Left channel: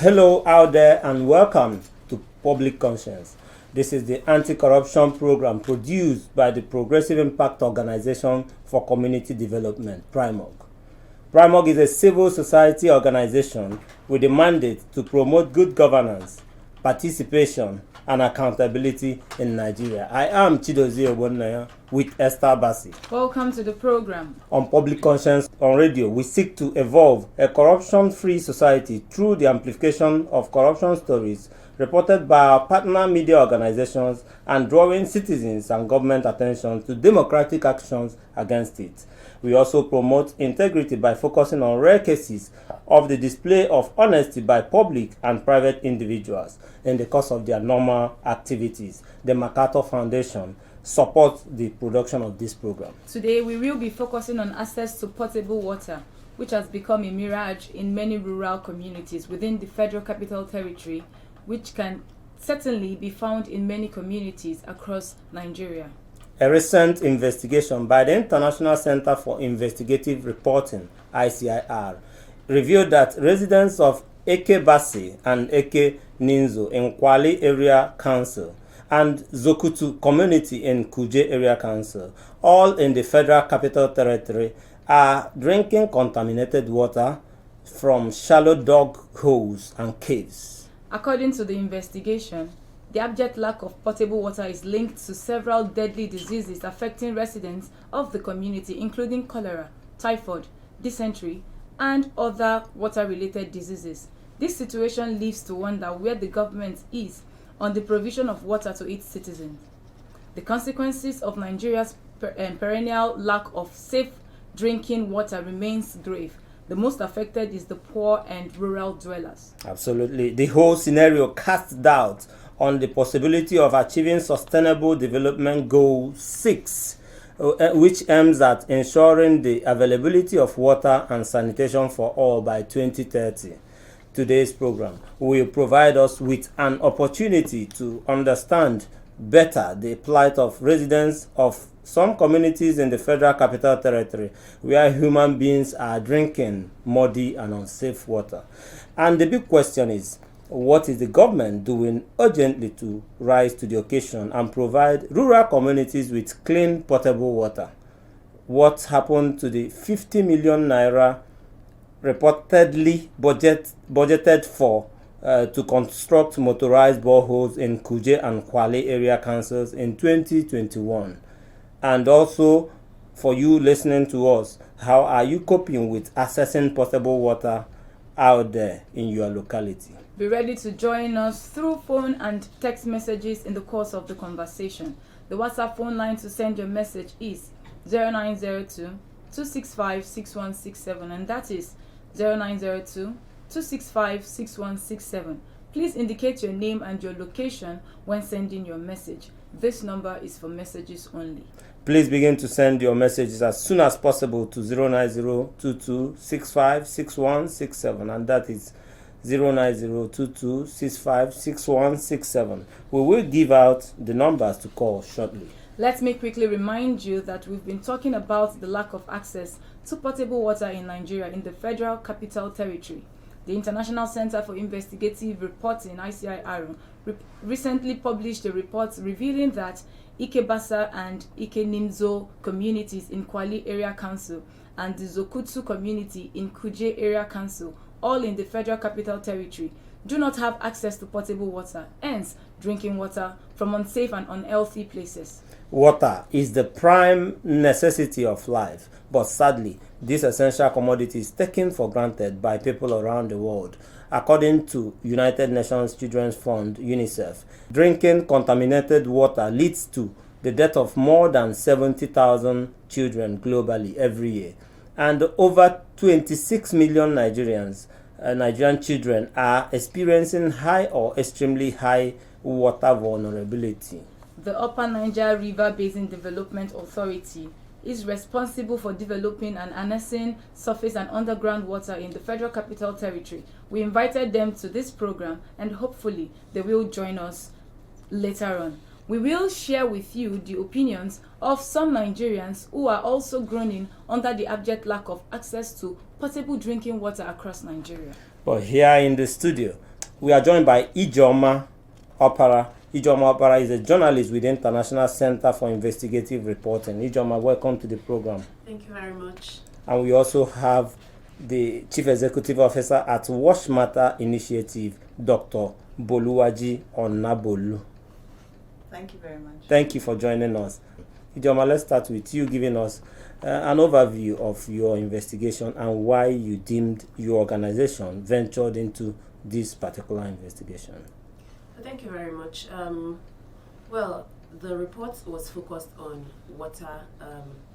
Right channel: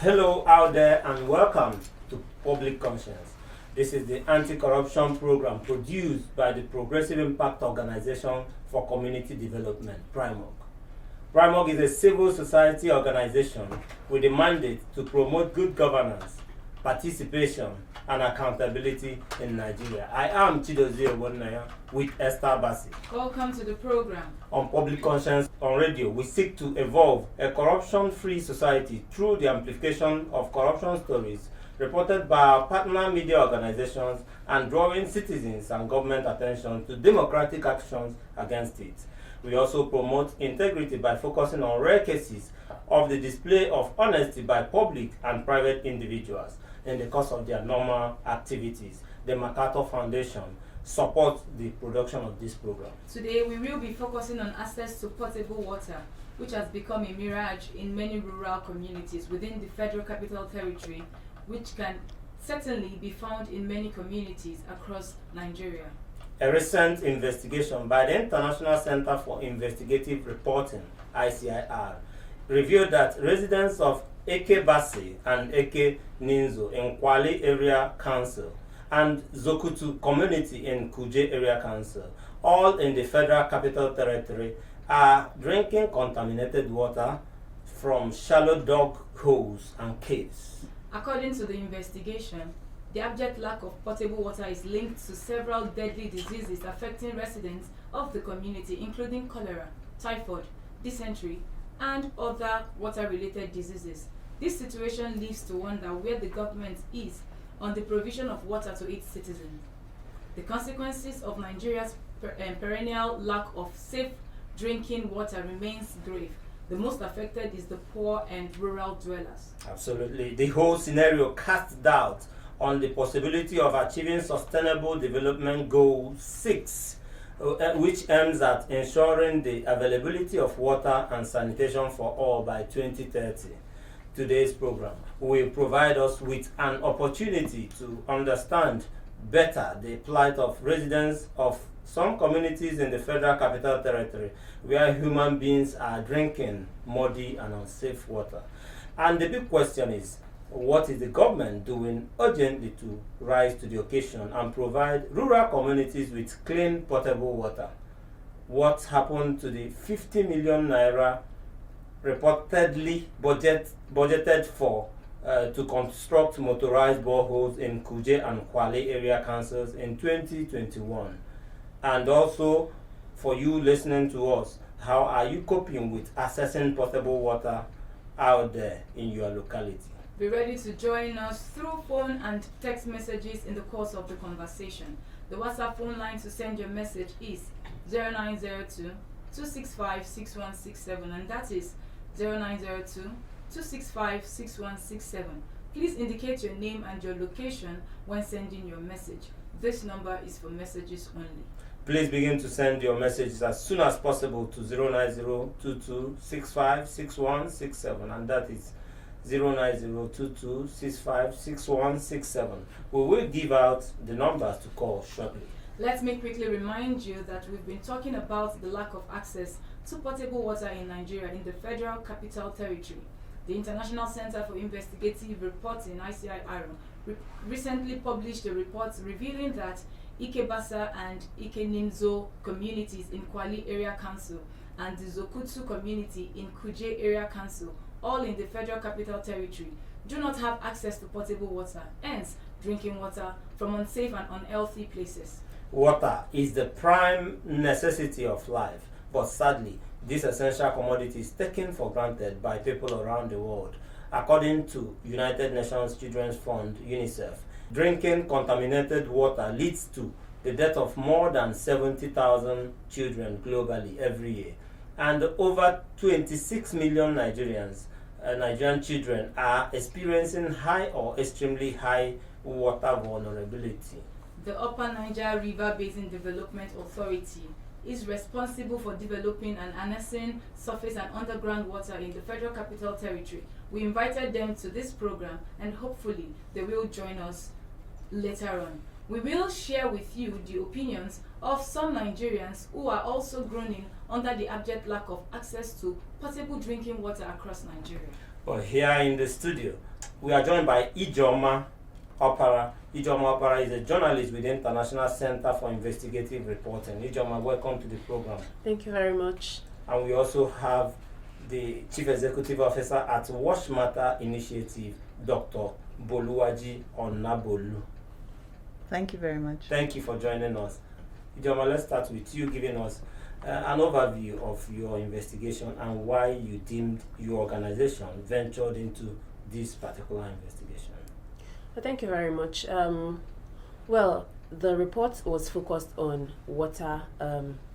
Hello out there and welcome to Public Conscience. This is the anti-corruption program produced by the Progressive Impact Organization for Community Development, PRIMOG. PRIMOG is a civil society organization with a mandate to promote good governance, participation, and accountability in Nigeria. I am Chidozie Ogbonnaya with Esther Bassi. Welcome to the program. On Public Conscience on Radio, we seek to evolve a corruption-free society through the amplification of corruption stories reported by our partner media organizations and drawing citizens and government attention to democratic actions against it. We also promote integrity by focusing on rare cases of the display of honesty by public and private individuals in the course of their normal activities. The MacArthur Foundation supports the production of this program. Today we will be focusing on access to potable water, which has become a mirage in many rural communities within the Federal Capital Territory, which can certainly be found in many communities across Nigeria. A recent investigation by the International Center for Investigative Reporting, ICIR, revealed that residents of Eke Bassi and Eke Ninzo in Kwali Area Council and Zokutu community in Kuje Area Council, all in the Federal Capital Territory, are drinking contaminated water from shallow dug holes and caves. According to the investigation, the abject lack of potable water is linked to several deadly diseases affecting residents of the community, including cholera, typhoid, dysentery, and other water-related diseases. This situation leaves to wonder where the government is on the provision of water to its citizens. The consequences of Nigeria's perennial lack of safe drinking water remains grave. The most affected is the poor and rural dwellers. Absolutely. The whole scenario casts doubt on the possibility of achieving Sustainable Development Goal 6, which aims at ensuring the availability of water and sanitation for all by 2030. Today's program will provide us with an opportunity to understand better the plight of residents of some communities in the Federal Capital Territory where human beings are drinking muddy and unsafe water. And the big question is, what is the government doing urgently to rise to the occasion and provide rural communities with clean potable water? What happened to the 50 million naira reportedly budgeted for to construct motorized boreholes in Kuje and Kwale area councils in 2021? And also, for you listening to us, how are you coping with accessing potable water out there in your locality? Be ready to join us through phone and text messages in the course of the conversation. The WhatsApp phone line to send your message is 0902-265-6167, and that is 0902-265-6167. Please indicate your name and your location when sending your message. This number is for messages only. Please begin to send your messages as soon as possible to 09022656167, and that is 09022656167. We will give out the numbers to call shortly. Let me quickly remind you that we've been talking about the lack of access to potable water in Nigeria in the Federal Capital Territory. The International Center for Investigative Reporting, ICIR, recently published a report revealing that Ike Basa and Ike Ninzo communities in Kwali Area Council and the Zokutu community in Kuje Area Council, all in the Federal Capital Territory, do not have access to potable water, hence drinking water from unsafe and unhealthy places. Water is the prime necessity of life, but sadly, this essential commodity is taken for granted by people around the world. According to United Nations Children's Fund, UNICEF, drinking contaminated water leads to the death of more than 70,000 children globally every year. And over 26 million Nigerian children are experiencing high or extremely high water vulnerability. The Upper Niger River Basin Development Authority is responsible for developing and harnessing surface and underground water in the Federal Capital Territory. We invited them to this program and hopefully they will join us later on. We will share with you the opinions of some Nigerians who are also groaning under the abject lack of access to potable drinking water across Nigeria. But here in the studio, we are joined by Ijoma Opara. Ijoma Opara is a journalist with the International Center for Investigative Reporting. Ijoma, welcome to the program. Thank you very much. And we also have the Chief Executive Officer at Wash Matter Initiative, Dr. Boluwaji Onabolu. Thank you very much. Thank you for joining us. Ijoma, let's start with you giving us an overview of your investigation and why you deemed your organization ventured into this particular investigation. Thank you very much. Well, the report was focused on water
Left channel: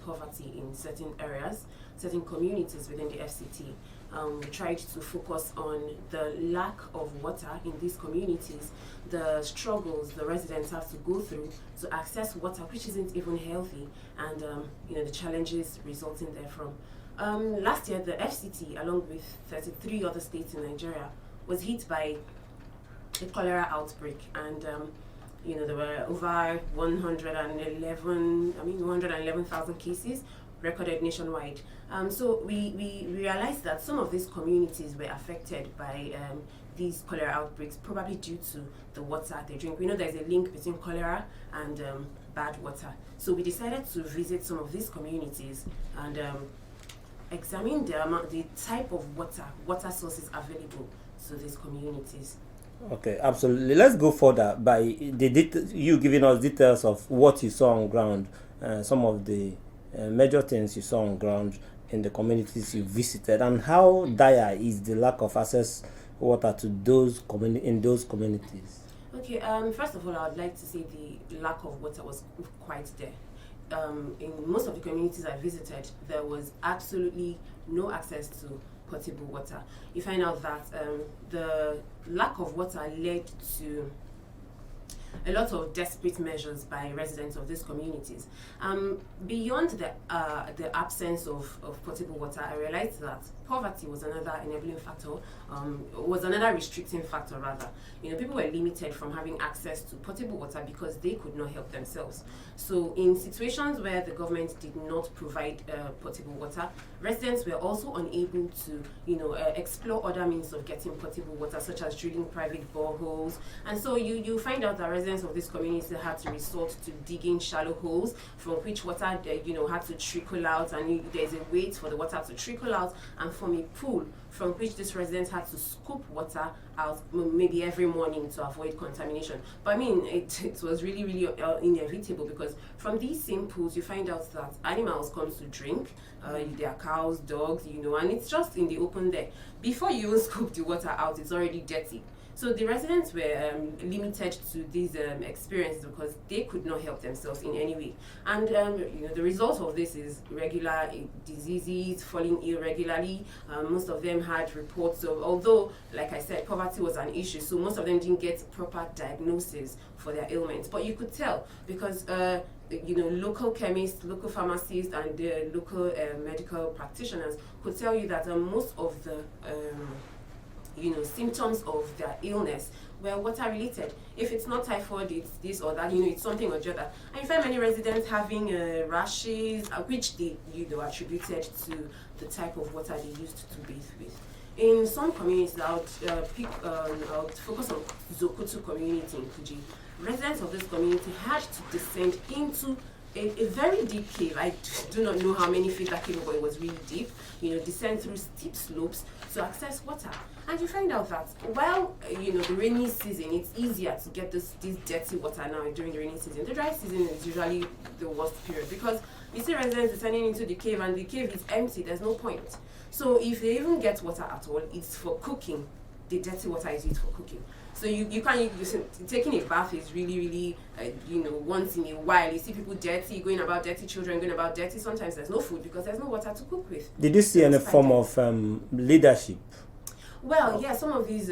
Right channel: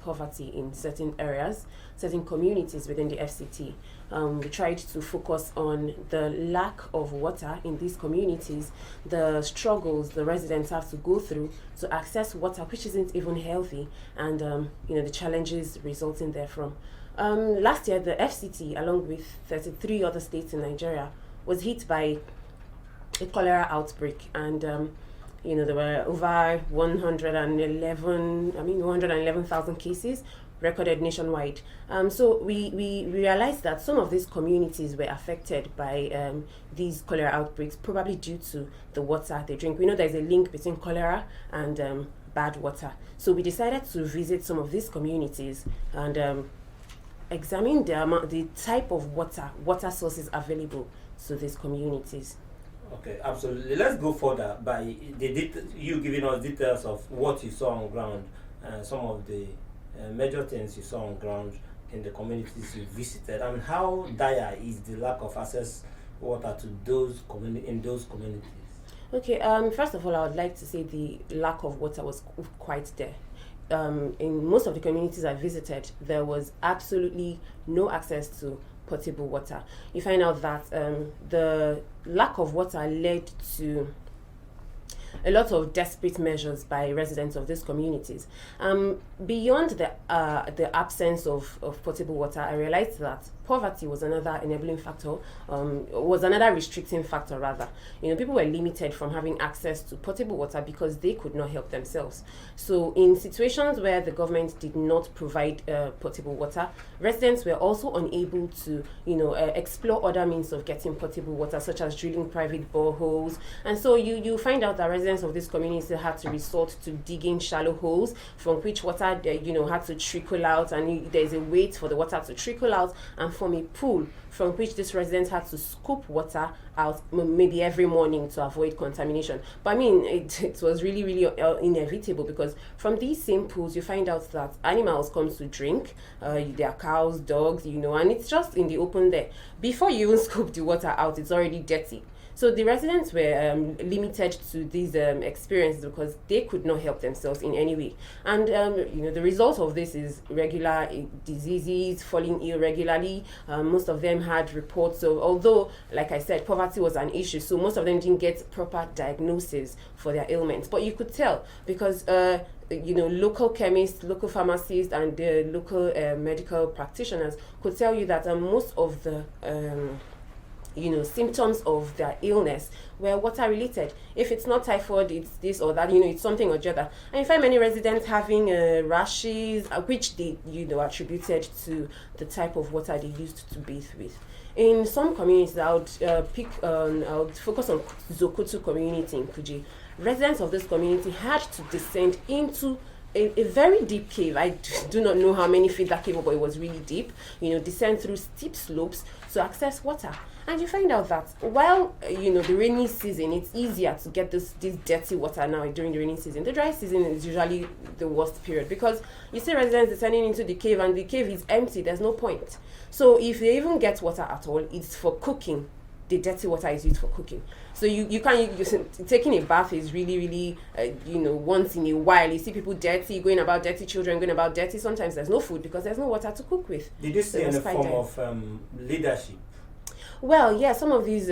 poverty in certain areas, certain communities within the FCT. We tried to focus on the lack of water in these communities, the struggles the residents have to go through to access water, which isn't even healthy, and the challenges resulting therefrom. Last year, the FCT, along with 33 other states in Nigeria, was hit by a cholera outbreak, and there were over 111,000 cases recorded nationwide. So we realized that some of these communities were affected by these cholera outbreaks, probably due to the water they drink. We know there's a link between cholera and bad water. So we decided to visit some of these communities and examine the type of water sources available to these communities. Okay, absolutely. Let's go further by you giving us details of what you saw on ground, some of the major things you saw on ground in the communities you visited, and how dire is the lack of access water to those in those communities. Okay, first of all, I would like to say the lack of water was quite there. In most of the communities I visited, there was absolutely no access to potable water. You find out that the lack of water led to a lot of desperate measures by residents of these communities. Beyond the absence of potable water, I realized that poverty was another enabling factor, was another restricting factor rather. People were limited from having access to potable water because they could not help themselves. So in situations where the government did not provide potable water, residents were also unable to, explore other means of getting potable water, such as drilling private boreholes. And so you find out that residents of this community had to resort to digging shallow holes from which water, had to trickle out, and there's a wait for the water to trickle out and form a pool from which these residents had to scoop water out maybe every morning to avoid contamination. But I mean, it was really, really inevitable, because from these same pools, you find out that animals come to drink, there are cows, dogs, and it's just in the open there. Before you even scoop the water out, it's already dirty. So the residents were limited to these experiences because they could not help themselves in any way. And the result of this is regular diseases, falling ill regularly. Most of them had reports of, although, like I said, poverty was an issue, so most of them didn't get proper diagnosis for their ailments. But you could tell because local chemists, local pharmacists, and local medical practitioners could tell you that most of the symptoms of their illness were water related. If it's not typhoid, it's this or that, it's something or the other. And you find many residents having rashes, which they attributed to the type of water they used to bathe with. In some communities, I would focus on Zokutu community in Kuji. Residents of this community had to descend into a very deep cave. I do not know how many feet that cave was, but it was really deep. Descend through steep slopes to access water. And you find out that while the rainy season, it's easier to get this dirty water now during the rainy season. The dry season is usually the worst period, because you see residents descending into the cave and the cave is empty. There's no point. So if they even get water at all, it's for cooking. The dirty water is used for cooking. So you can't, taking a bath is really, really, once in a while. You see people dirty, going about dirty, children going about dirty. Sometimes there's no food because there's no water to cook with. Did you see any form of leadership? Well, yeah, some of these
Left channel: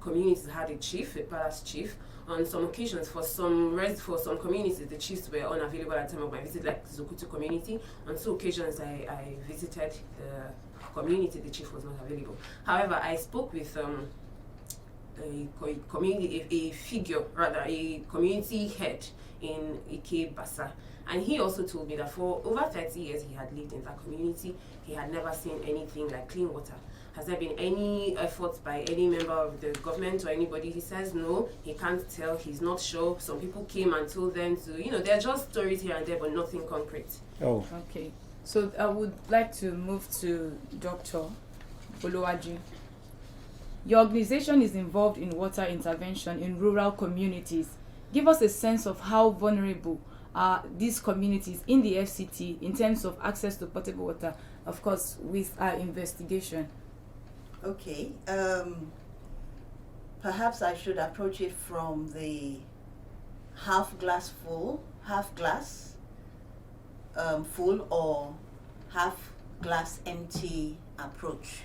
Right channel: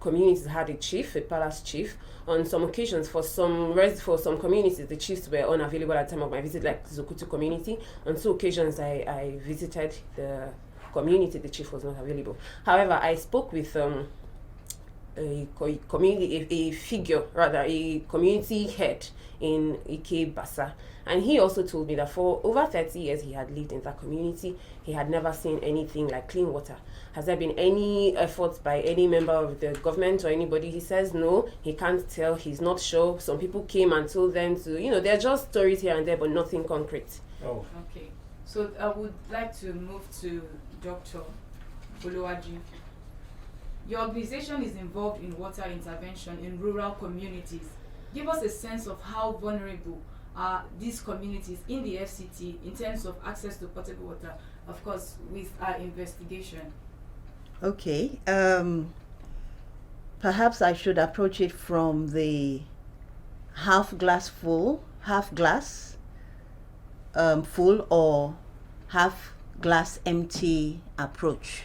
communities had a chief, a palace chief. On some occasions, for some communities, the chiefs were unavailable at the time of my visit, like the Zokutu community. On 2 occasions, I visited the community, the chief was not available. However, I spoke with a figure, rather, a community head in Ike Basa. And he also told me that for over 30 years he had lived in that community, he had never seen anything like clean water. Has there been any efforts by any member of the government or anybody? He says no, he can't tell, he's not sure. Some people came and told them to, they're just stories here and there, but nothing concrete. Oh. Okay. So I would like to move to Dr. Oluwaji. Your organization is involved in water intervention in rural communities. Give us a sense of how vulnerable are these communities in the FCT in terms of access to potable water, of course, with our investigation. Okay. Perhaps I should approach it from the half glass full or half glass empty approach.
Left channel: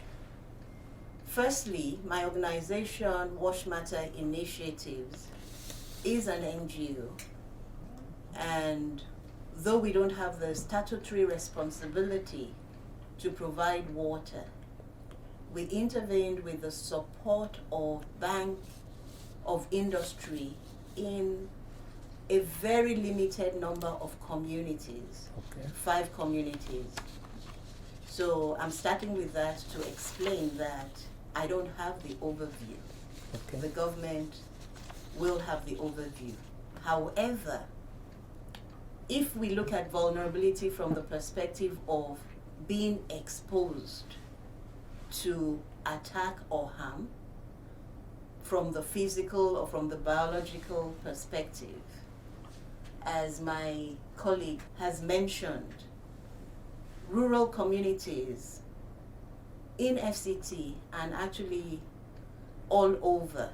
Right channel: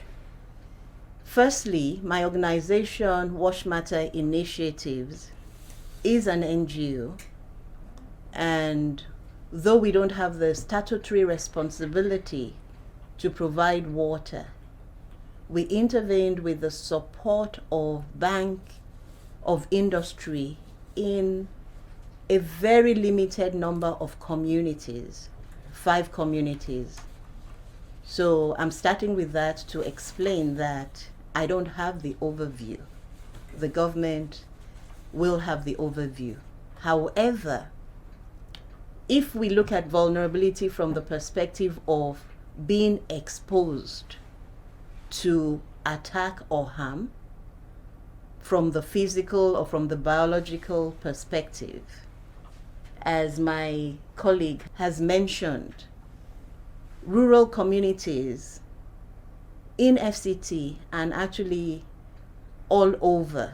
Firstly, my organization, Wash Matter Initiatives, is an NGO, and though we don't have the statutory responsibility to provide water, we intervened with the support of Bank of Industry in a very limited number of communities, 5 communities. So I'm starting with that to explain that I don't have the overview. Okay. The government will have the overview. However, if we look at vulnerability from the perspective of being exposed to attack or harm, from the physical or from the biological perspective, as my colleague has mentioned, rural communities in FCT and actually all over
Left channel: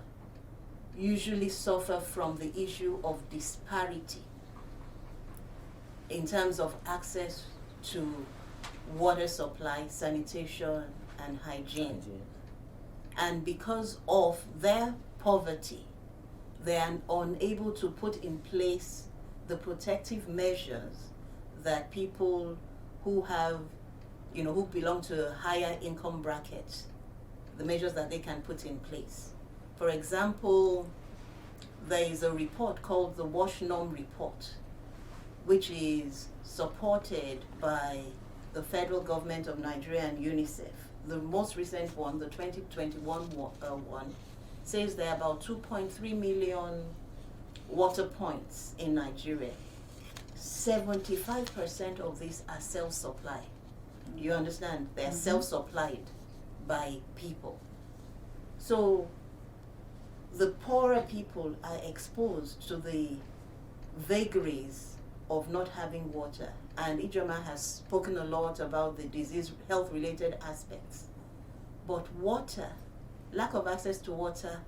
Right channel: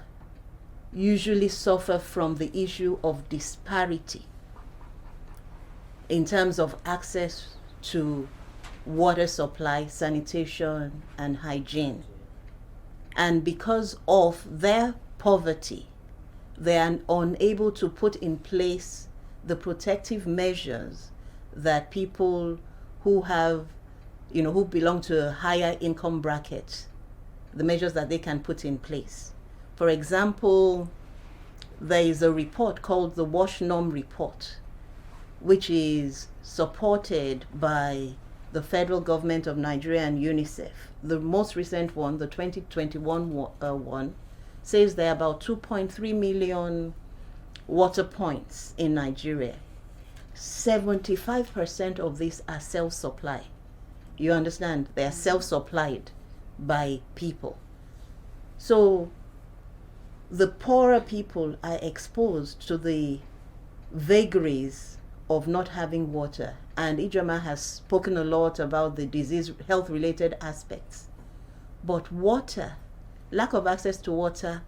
usually suffer from the issue of disparity in terms of access to water supply, sanitation, and hygiene. And because of their poverty, they are unable to put in place the protective measures that people who have, who belong to a higher income bracket, the measures that they can put in place. For example, there is a report called the Wash Norm Report, which is supported by the federal government of Nigeria and UNICEF. The most recent one, the 2021 one, says there are about 2.3 million water points in Nigeria. 75% of these are self-supply. You understand? They are self-supplied by people. So the poorer people are exposed to the vagaries of not having water. And Ijoma has spoken a lot about the disease, health-related aspects. But water, lack of access to water,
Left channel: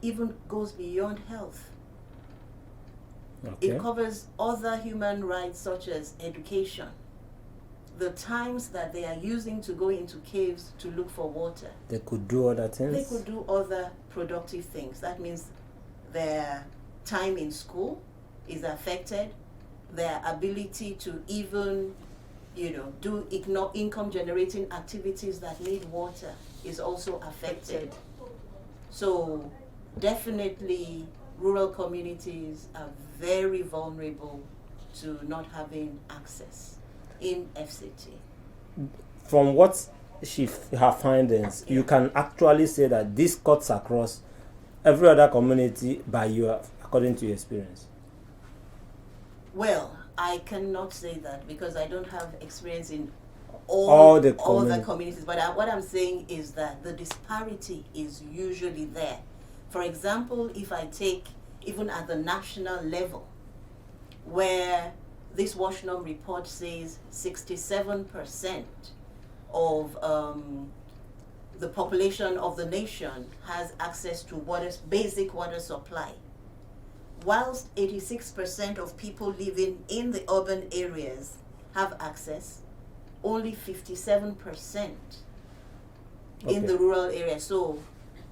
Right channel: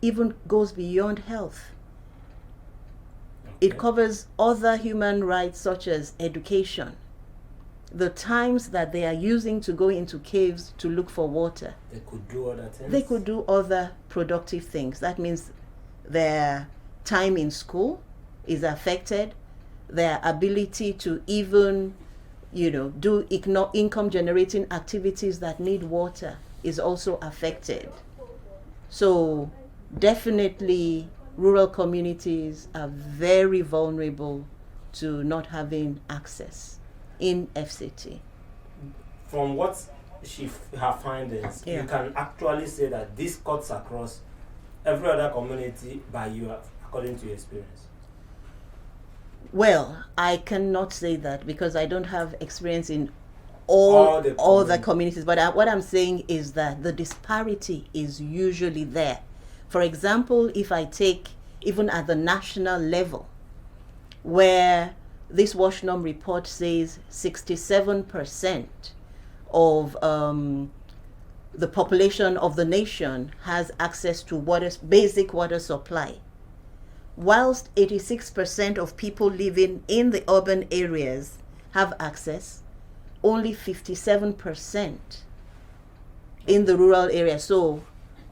even goes beyond health. Okay. It covers other human rights such as education. The times that they are using to go into caves to look for water. They could do other things. They could do other productive things. That means their time in school is affected. Their ability to even, do income generating activities that need water is also affected. So definitely rural communities are very vulnerable to not having access in FCT. From what her findings, Yeah. you can actually say that this cuts across every other community according to your experience. Well, I cannot say that because I don't have experience in all the communities. But what I'm saying is that the disparity is usually there. For example, if I take even at the national level, where this Wash Norm report says 67% of the population of the nation has access to basic water supply, whilst 86% of people living in the urban areas have access, only 57% in the rural areas. So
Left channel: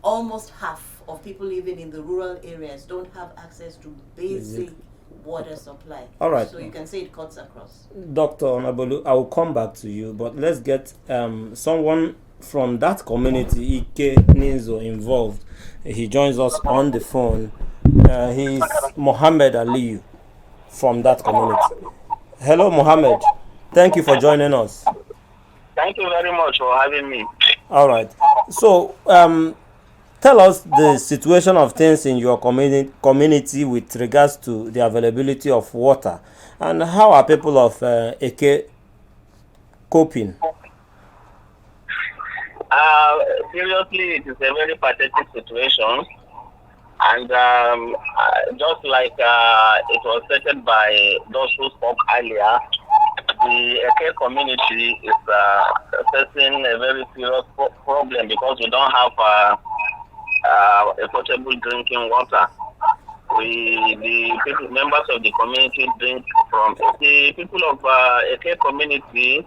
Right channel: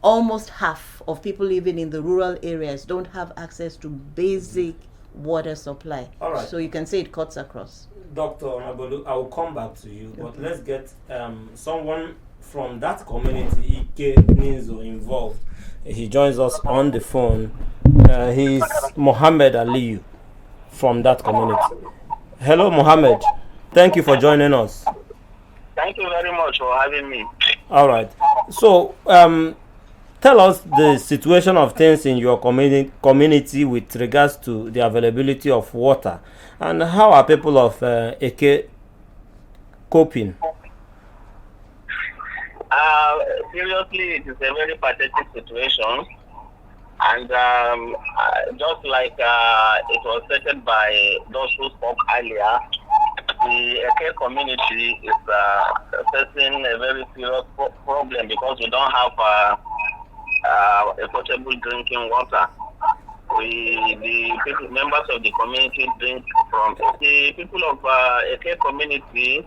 almost half of people living in the rural areas don't have access to basic water supply. All right. So you can say it cuts across. Dr. Onabolu, I will come back to you, but let's get someone from that community, Ike Nizo, involved. He joins us on the phone. He's Mohammed Aliyu from that community. Hello, Mohammed. Thank you for joining us. Thank you very much for having me. All right. So, tell us the situation of things in your community with regards to the availability of water, and how are people of Eke coping? Seriously, it is a very pathetic situation, and just like it was stated by those who spoke earlier, the Eke community is facing a very serious problem because we don't have a potable drinking water. The people, members of the community drink from the people of Eke community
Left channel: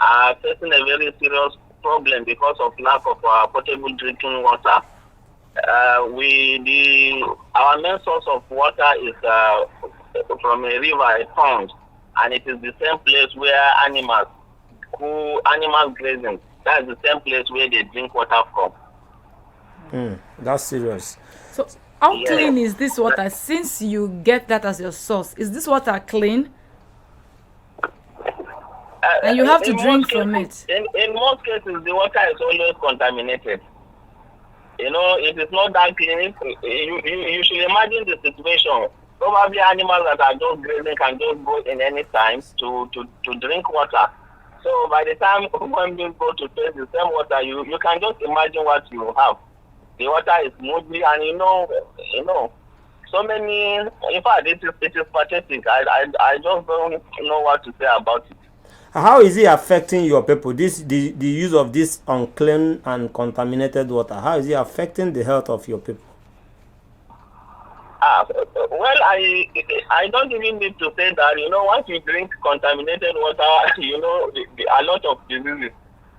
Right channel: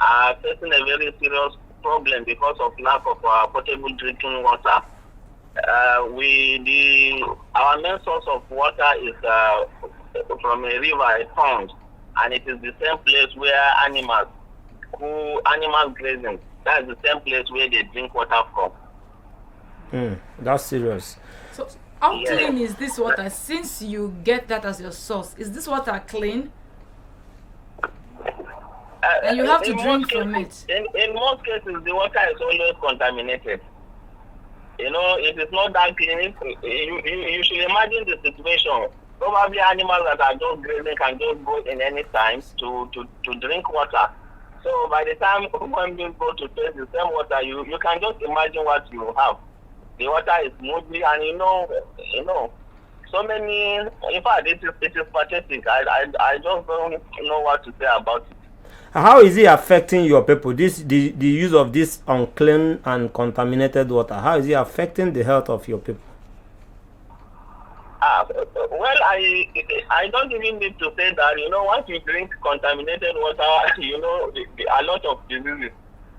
are facing a very serious problem because of lack of potable drinking water. Our main source of water is from a river, a pond, and it is the same place where animals grazing. That is the same place where they drink water from. That's serious. So, how clean is this water? Since you get that as your source, is this water clean? And you have to drink from it. In most cases, the water is always contaminated. You know, it is not that clean. You should imagine the situation. Probably animals that are just grazing can just go in any time to drink water. So by the time human beings go to taste the same water, you can just imagine what you have. The water is smoothly, and you know, so many. In fact, it is pathetic. I just don't know what to say about it. How is it affecting your people? The use of this unclean and contaminated water. How is it affecting the health of your people? Well, I don't even need to say that. You know, once you drink contaminated water, you know, a lot of diseases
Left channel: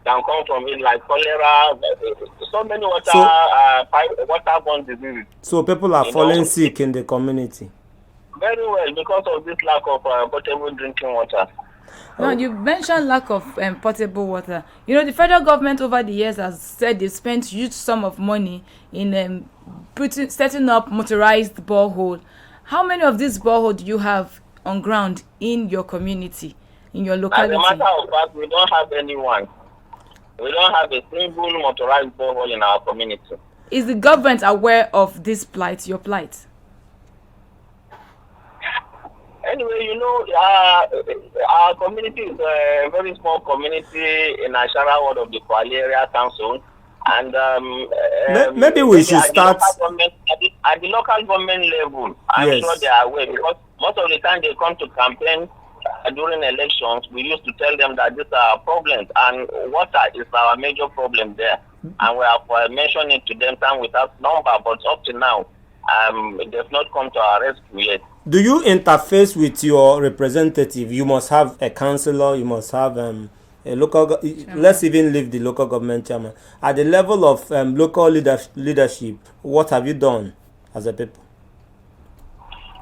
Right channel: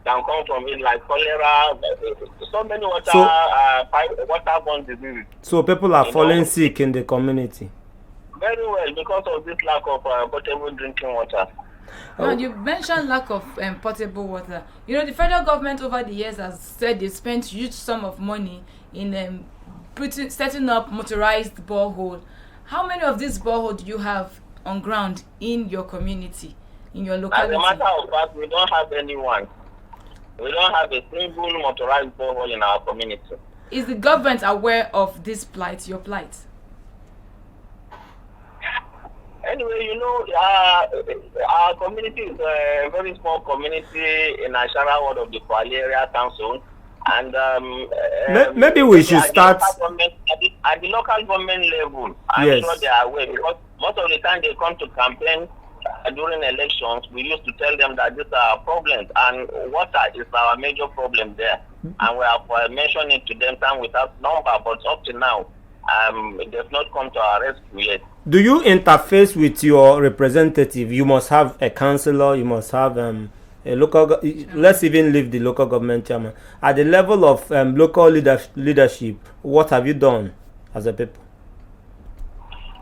can come from it, like cholera. So many waterborne diseases. So people are falling sick in the community. Very well, because of this lack of potable drinking water. Now, you mentioned lack of potable water. You know, the federal government over the years has said they spent huge sum of money in setting up motorized borehole. How many of these boreholes do you have on ground in your community, in your locality? As a matter of fact, we don't have anyone. We don't have a single motorized borehole in our community. Is the government aware of this plight, your plight? Anyway, you know, our community is a very small community in Ashara ward of the Kwali Area Council. And maybe we should start at the local government level. I'm sure they are aware, because most of the time they come to campaign during elections. We used to tell them that these are problems, and water is our major problem there. And we have mentioned it to them time without number, but up to now, they've not come to our rescue yet. Do you interface with your representative? You must have a councillor, you must have a local, let's even leave the local government chairman. At the level of local leadership, what have you done as a people?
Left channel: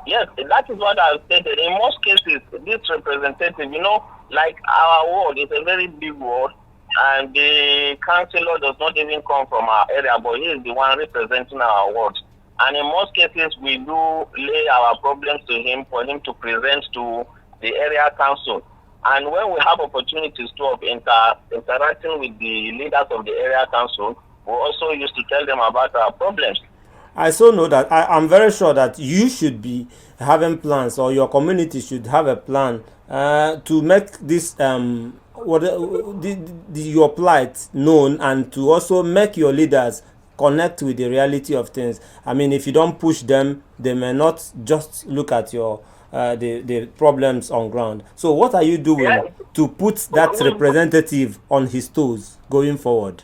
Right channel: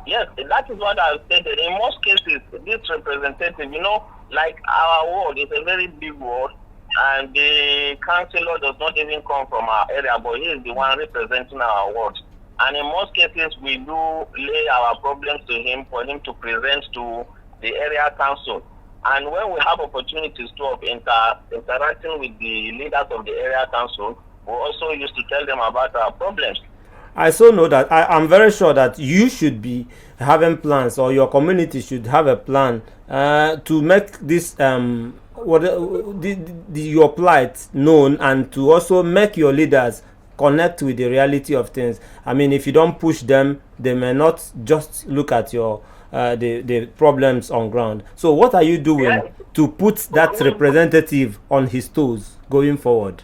Yes, that is what I've stated. In most cases, this representative, you know, like our ward is a very big ward, and the councillor does not even come from our area, but he is the one representing our ward. And in most cases, we do lay our problems to him for him to present to the area council. And when we have opportunities of interacting with the leaders of the area council, we also used to tell them about our problems. I so know that I'm very sure that you should be having plans, or your community should have a plan to make this your plight known, and to also make your leaders connect with the reality of things. I mean, if you don't push them, they may not just look at your the problems on ground. So what are you doing to put that representative on his toes going forward?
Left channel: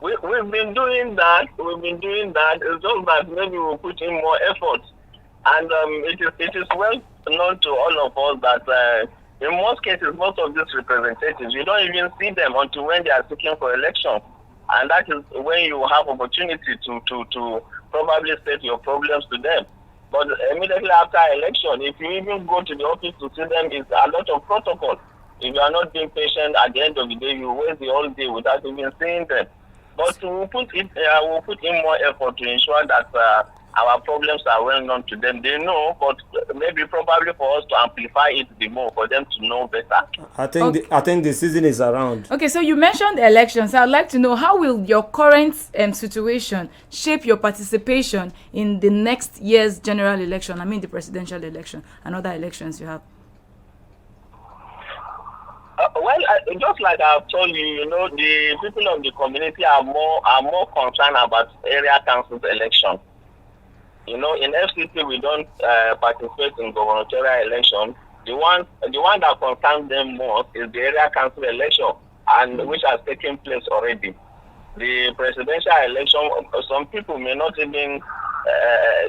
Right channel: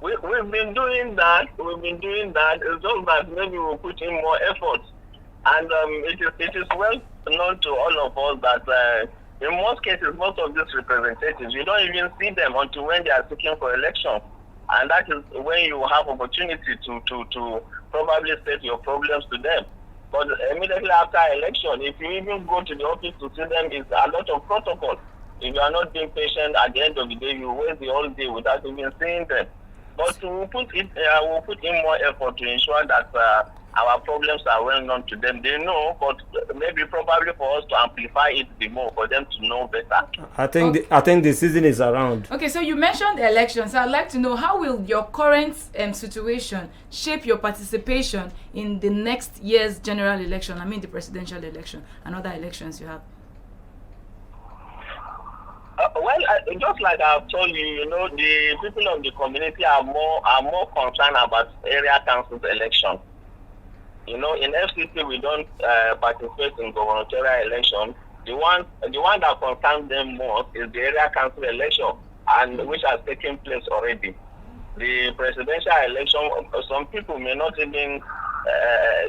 We've been doing that. It's just that maybe we'll put in more effort. And it is well known to all of us that in most cases, most of these representatives, you don't even see them until when they are seeking for election. And that is when you have opportunity to probably state your problems to them. But immediately after election, if you even go to the office to see them, it's a lot of protocol. If you are not being patient, at the end of the day, you waste the whole day without even seeing them. But we'll put in more effort to ensure that our problems are well known to them. They know, but maybe probably for us to amplify it the more, for them to know better. I think the season is around. Okay, so you mentioned elections. I'd like to know, how will your current situation shape your participation in the next year's general election? I mean the presidential election and other elections you have. Just like I've told you, the people of the community are more concerned about area council election. In FCT we don't participate in gubernatorial election. The one that concerns them most is the area council election, and which has taken place already. The presidential election, some people may not even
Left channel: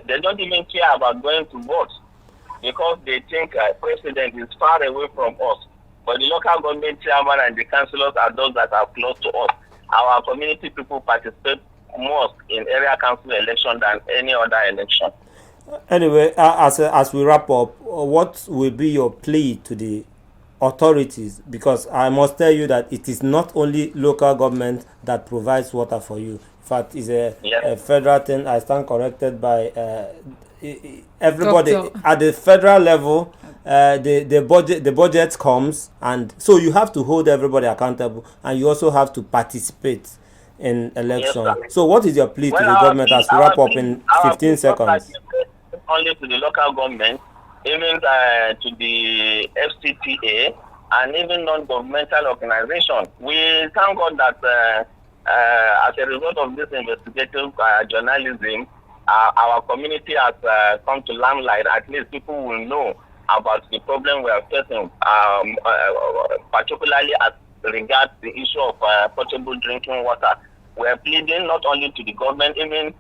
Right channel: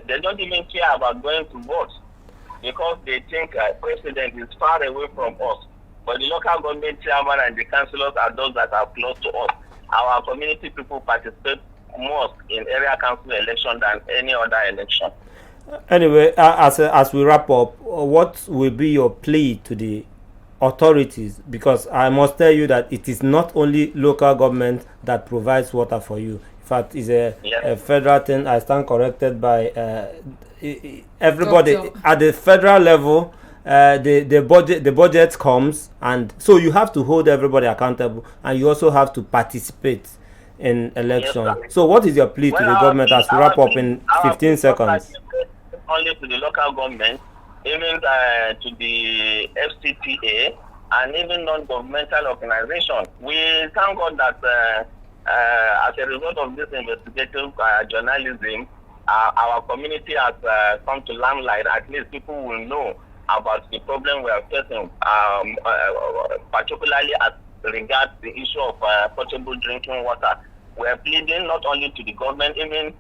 they don't even care about going to vote because they think president is far away from us. But the local government chairman and the councillors are those that are close to us. Our community people participate most in area council election than any other election. Anyway, as we wrap up, what will be your plea to the authorities? Because I must tell you that it is not only local government that provides water for you. In fact, it's a federal thing. I stand corrected by everybody. Doctor. At the federal level. The budget comes, and so you have to hold everybody accountable, and you also have to participate in election. Yes, so what is your plea to the government as we wrap up in 15 seconds? Only to the local government, even to the FCTA, and even non-governmental organizations. We thank God that as a result of this investigative journalism, our community has come to limelight. At least people will know about the problem we are facing, particularly as regards the issue of potable drinking water. We are pleading not only to the government, even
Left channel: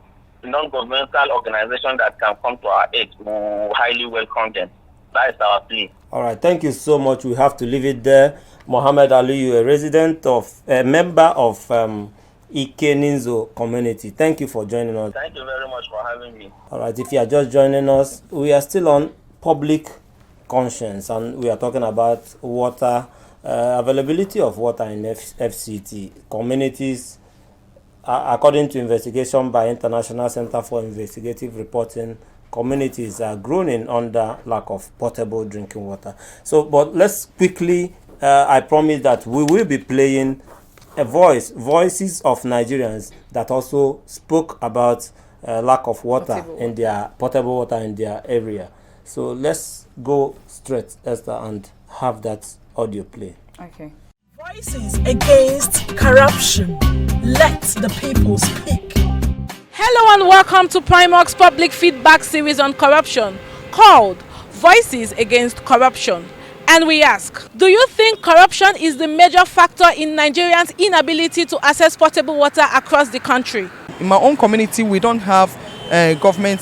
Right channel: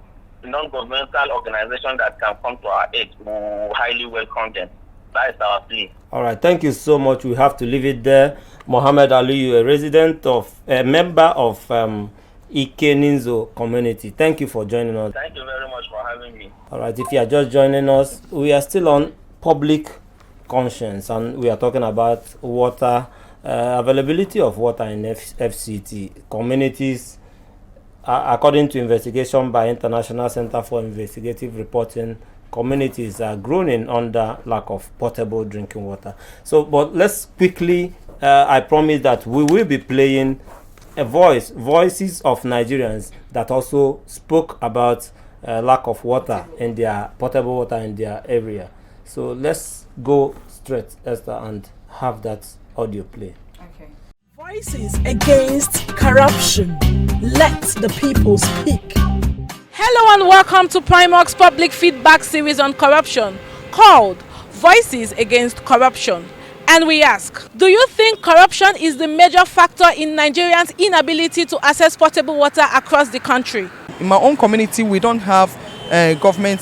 non-governmental organizations that can come to our aid. We highly welcome them. That is our plea. All right, thank you so much. We have to leave it there. Mohammed Aliyu, a member of Ikeninzo community. Thank you for joining us. Thank you very much for having me. All right, if you are just joining us, we are still on public conscience, and we are talking about water, availability of water in FCT communities. According to investigation by International Center for Investigative Reporting, communities are groaning under lack of potable drinking water. So, but let's quickly, I promise that we will be playing voices of Nigerians that also spoke about lack of water in their potable water in their area. So let's go straight, Esther, and have that audio play. Okay. Voices against corruption. Let the people speak. Hello and welcome to Primark's public feedback series on corruption called Voices Against Corruption. And we ask, do you think corruption is the major factor in Nigerians' inability to access potable water across the country? In my own community, we don't have government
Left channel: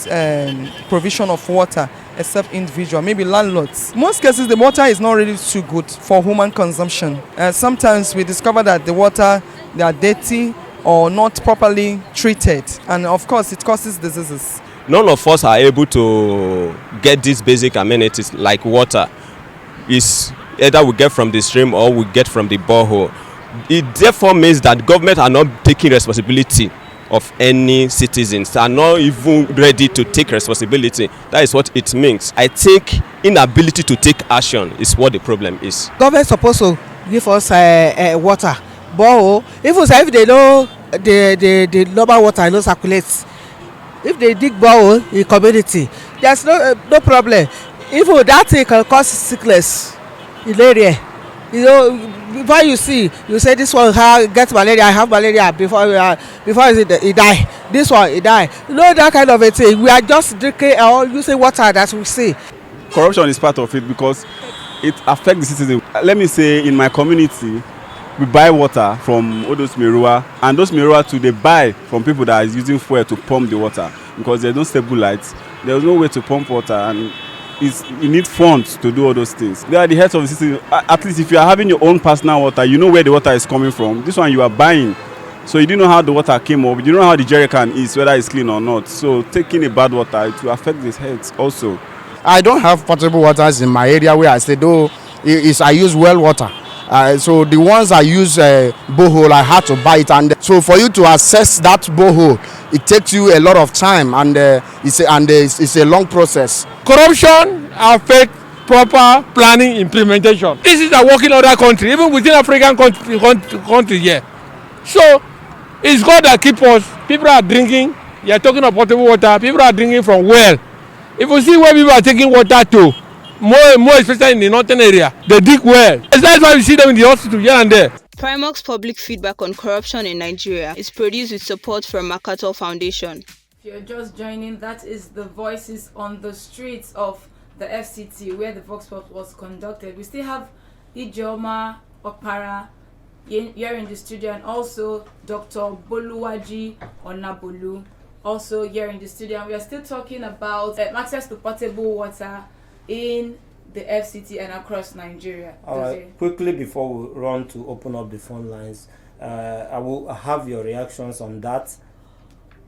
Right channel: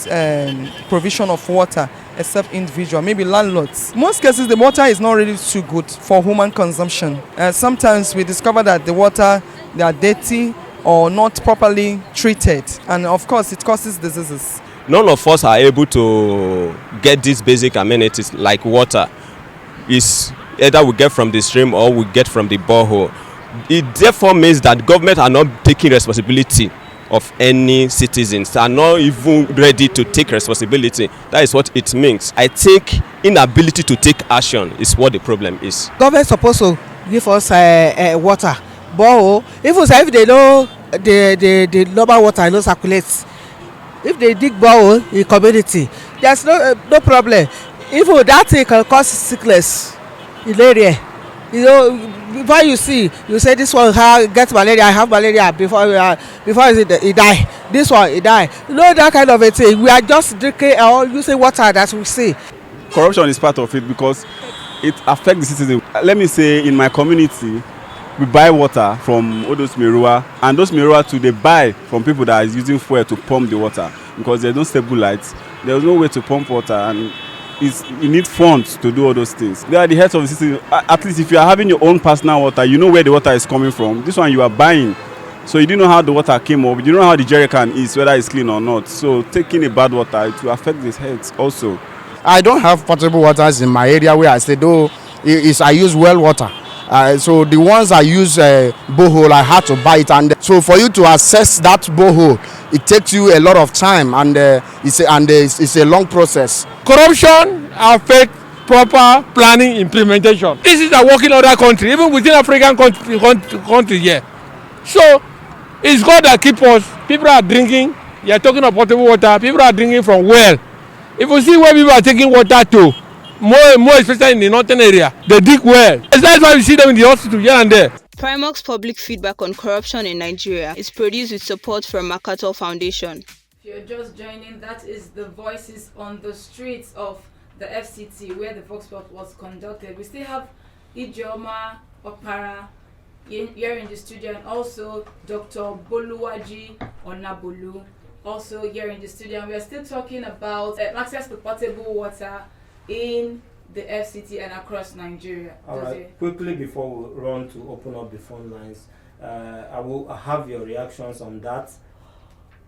provision of water except individual, maybe landlords. Most cases, the water is not really too good for human consumption. Sometimes we discover that the water, they are dirty or not properly treated, and of course it causes diseases. None of us are able to get these basic amenities like water. It's either we get from the stream or we get from the borehole. It therefore means that government are not taking responsibility of any citizens, are not even ready to take responsibility. That is what it means. I think inability to take action is what the problem is. Government supposed to give us water, borehole. If they know the normal water no circulates, if they dig borehole in community, there's no problem. Even that thing can cause sickness in area. Before you say this one gets malaria, I have malaria before he die. This one he die. That kind of a thing. We are just drinking or using water that we see. Corruption is part of it because it affects the citizens. Let me say, in my community, we buy water from all those Merua, and those Merua too, they buy from people that are using fuel to pump the water because there's no stable lights. There's no way to pump water, and you need funds to do all those things. They are the heads of the city. At least if you are having your own personal water, you know where the water is coming from. This one you are buying, so you don't know how the water came up. You don't know how the jerry can is, whether it's clean or not. So taking a bad water, it will affect the health also. I don't have potable waters in my area where I stay, though I use well water. So the ones that use borehole, I had to buy it, and so for you to access that borehole, it takes you a lot of time, and it's a long process. Corruption affects proper planning implementation. This is a working other country, even within African country here. So it's God that keep us. People are drinking. You are talking of potable water. People are drinking from well. If you see where people are taking water to, more especially in the northern area, they dig well. That's why we see them in the hospital here and there. Primark's public feedback on corruption in Nigeria is produced with support from MacArthur Foundation. If you're just joining, that is the voices on the streets of the FCT where the Vox Pop was conducted. We still have Ijeoma Opara here in the studio, and also Dr. Boluwaji Onabolu also here in the studio. And we are still talking about access to potable water in the FCT and across Nigeria. Quickly before we run to open up the phone lines, I will have your reactions on that.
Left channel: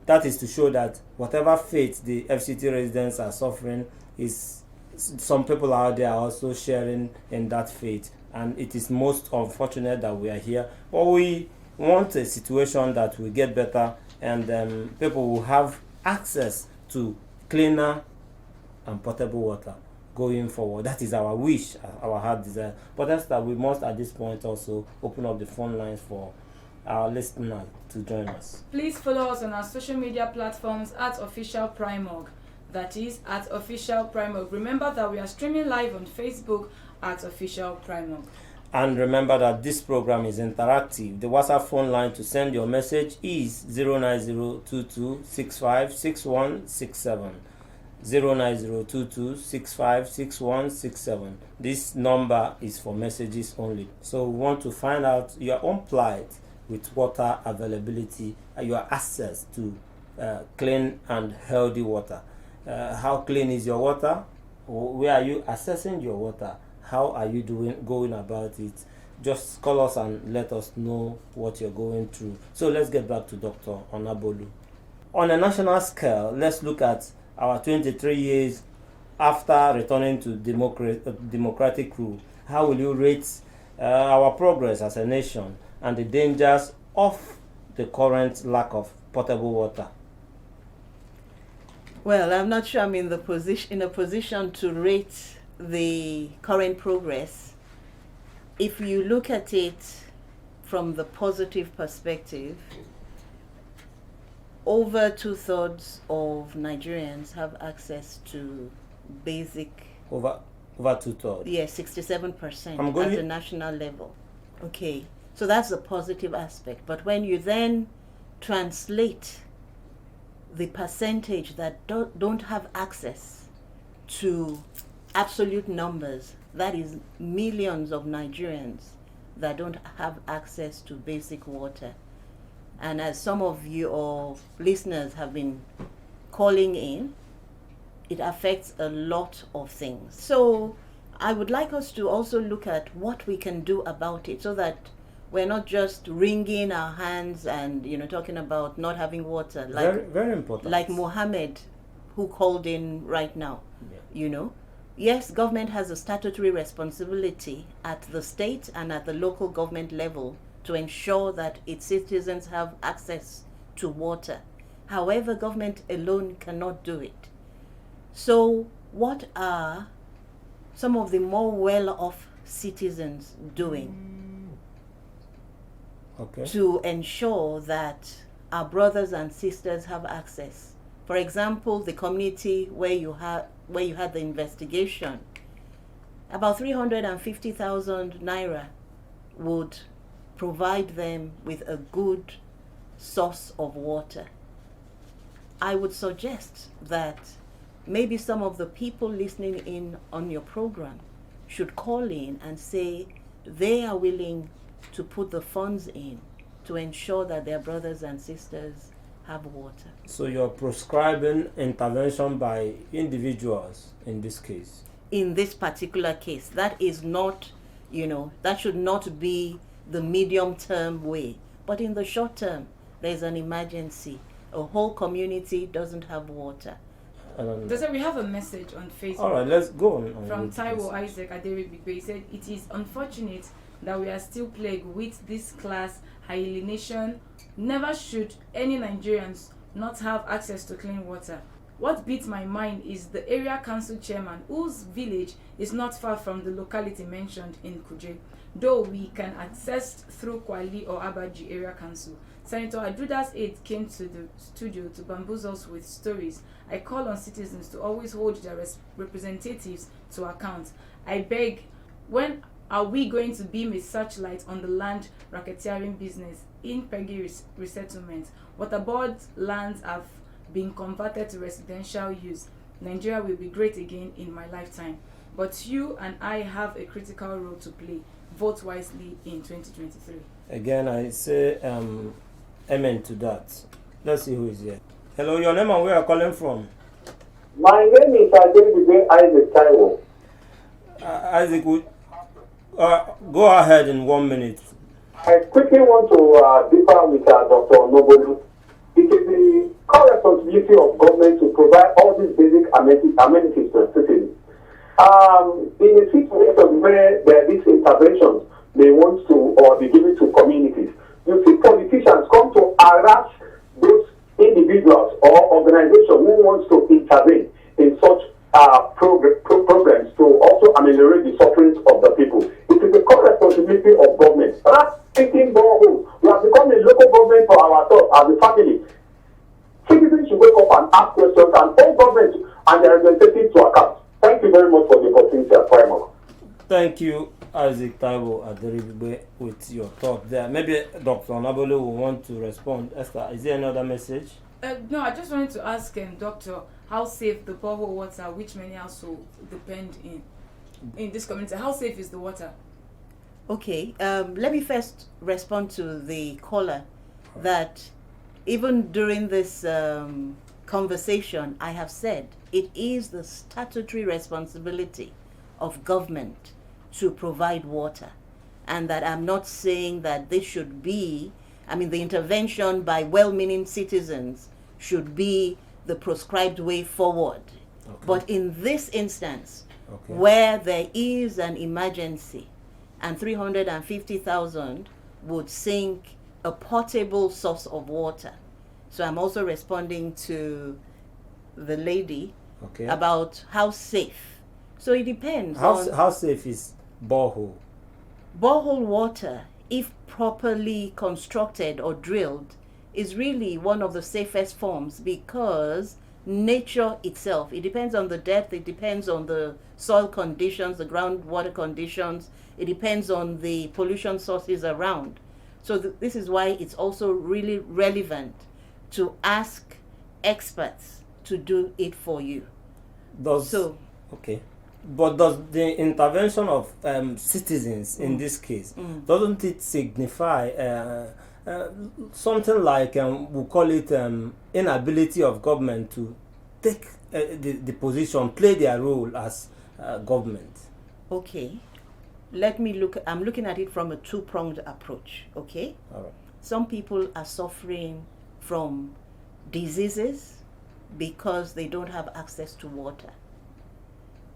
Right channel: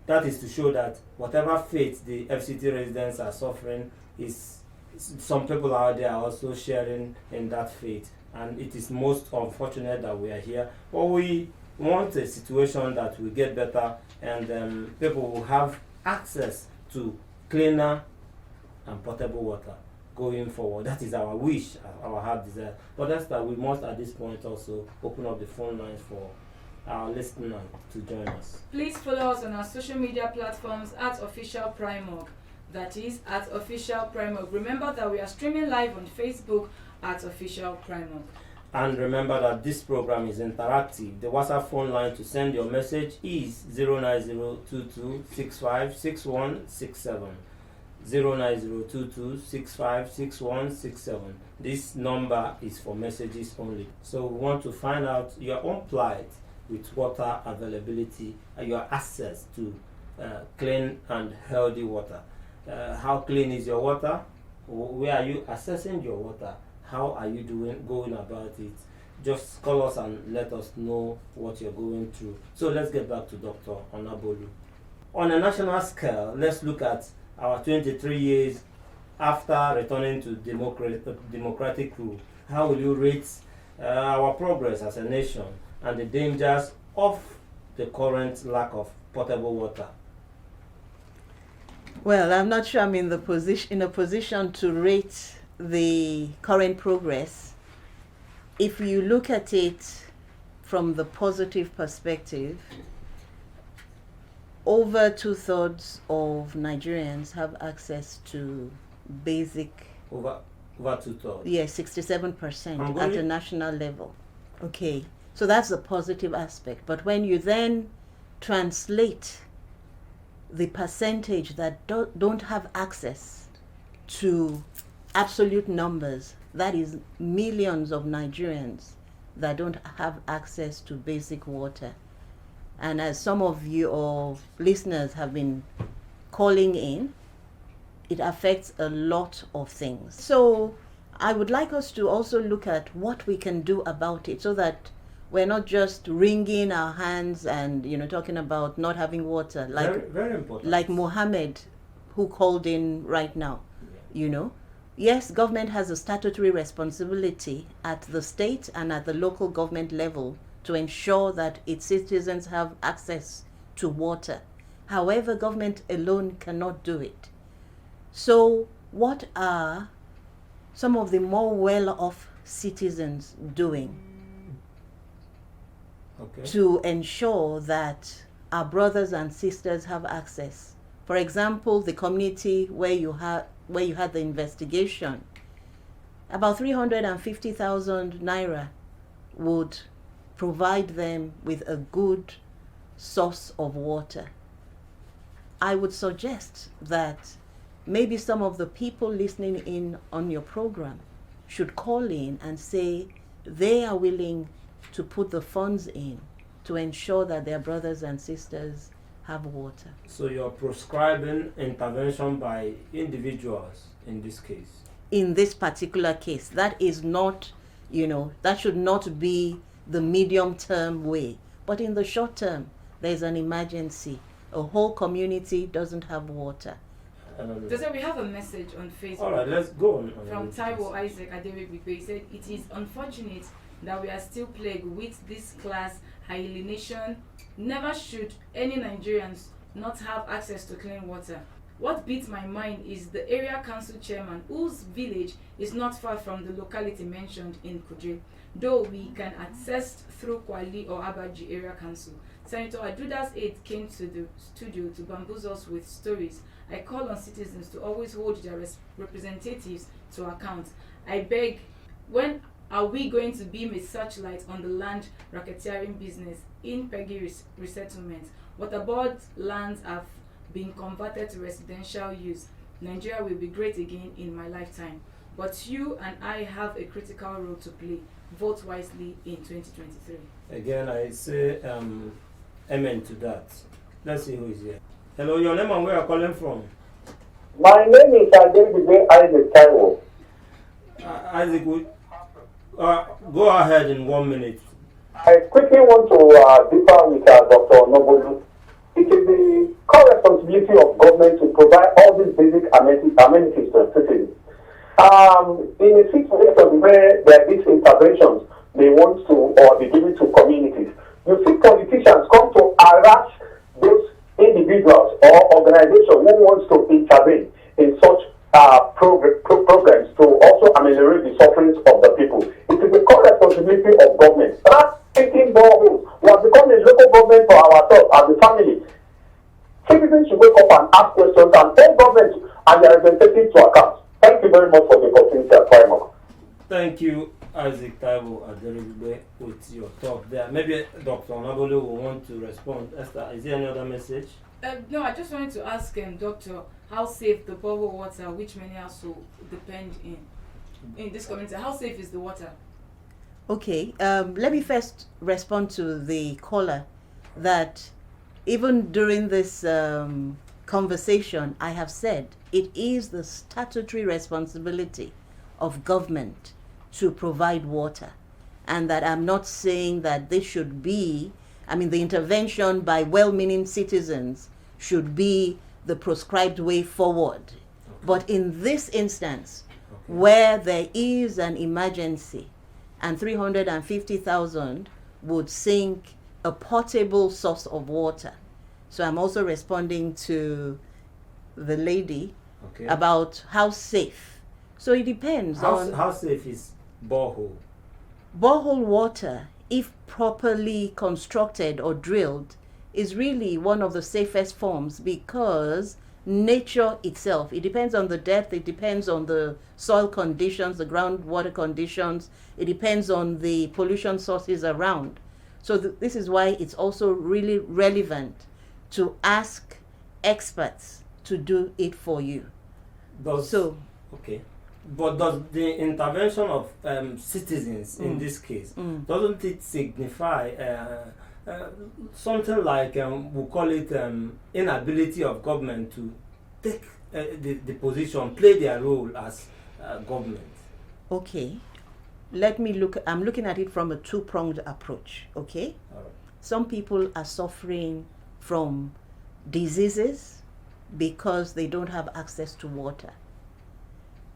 That is to show that whatever fate the FCT residents are suffering, is some people out there are also sharing in that fate, and it is most unfortunate that we are here. But we want a situation that will get better, and people will have access to cleaner and potable water going forward. That is our wish, our heart desire. But that's that we must at this point also open up the phone lines for our listener to join us. Please follow us on our social media platforms at Official Primark. That is at Official Primark. Remember that we are streaming live on Facebook at Official Primark. And remember that this program is interactive. The WhatsApp phone line to send your message is 09022656167. 09022656167. This number is for messages only. So we want to find out your own plight with water availability, your access to clean and healthy water. How clean is your water? Where are you accessing your water? How are you going about it? Just call us and let us know what you're going through. So let's get back to Dr. Onabolu. On a national scale, let's look at our 23 years after returning to democratic rule. How will you rate our progress as a nation and the dangers of the current lack of potable water? Well, I'm not sure I'm in a position to rate the current progress. If you look at it from the positive perspective, over 2/3 of Nigerians have access to basic. Over 2/3. Yes, 67% at the national level. Okay, so that's the positive aspect. But when you then translate the percentage that don't have access to absolute numbers, that is millions of Nigerians that don't have access to basic water. And as some of your listeners have been calling in, it affects a lot of things. So I would like us to also look at what we can do about it, so that we're not just wringing our hands and talking about not having water, like very important. Like Mohammed, who called in right now. Yes, government has a statutory responsibility at the state and at the local government level to ensure that its citizens have access to water. However, government alone cannot do it. So what are some of the more well-off citizens doing to ensure that our brothers and sisters have access? For example, the community where you had the investigation, about 350,000 naira would provide them with a good source of water. I would suggest that maybe some of the people listening in on your program should call in and say they are willing to put the funds in to ensure that their brothers and sisters have water. So you're prescribing intervention by individuals in this case? In this particular case, that is not, that should not be the medium-term way. But in the short term, there's an emergency. A whole community doesn't have water. We have a message on Facebook. All right, let's go on. From Taiwo Isaac Aderibigbe. He said, "It is unfortunate that we are still plagued with this class alienation. Never should any Nigerians not have access to clean water. What beats my mind is the area council chairman, whose village is not far from the locality mentioned in Kuje, though we can access through Kwali or Abaji area council. Senator Ajuda's aide came to the studio to bamboozle us with stories. I call on citizens to always hold their representatives to account. I beg, when are we going to beam a searchlight on the land racketeering business in Peggy resettlement? Waterboard lands have been converted to residential use. Nigeria will be great again in my lifetime. But you and I have a critical role to play. Vote wisely in 2023. Again, I say amen to that. Let's see who is here. Hello, your name and where you are calling from? My name is Isaac Taiwo. Isaac, go ahead in 1 minute. I quickly want to differ with Dr. Nobolu. It is the core responsibility of government to provide all these basic amenities to citizens. In a situation where there is interventions they want to or be given to communities, you see politicians come to harass those individuals or organizations who want to intervene in such programs to also ameliorate the sufferings of the people. It is the core responsibility of government. Taking boreholes, we have become a local government for ourselves as a family. Citizens should wake up and ask questions and hold government and their representatives to account. Thank you very much for the opportunity at Primark. Thank you, Isaac Taiwo Aderibigbe, with your talk there. Maybe Dr. Nabole will want to respond. Esther, is there another message? No, I just wanted to ask Doctor, how safe the borehole water, which many households depend in this community, how safe is the water? Okay, let me first respond to the caller that even during this conversation, I have said it is the statutory responsibility of government to provide water, and that I'm not saying that this should be, the intervention by well-meaning citizens should be the prescribed way forward. Okay. But in this instance, where there is an emergency and 350,000 would sink a potable source of water. So I'm also responding to the lady about how safe. So it depends on how safe is borehole. Borehole water, if properly constructed or drilled, is really one of the safest forms because nature itself, it depends on the depth, it depends on the soil conditions, the groundwater conditions, it depends on the pollution sources around. So this is why it's also really relevant to ask experts to do it for you. But does the intervention of citizens in this case, doesn't it signify something like, we call it inability of government to take the position, play their role as government? Okay. I'm looking at it from a two-pronged approach, okay? All right. Some people are suffering from diseases because they don't have access to water.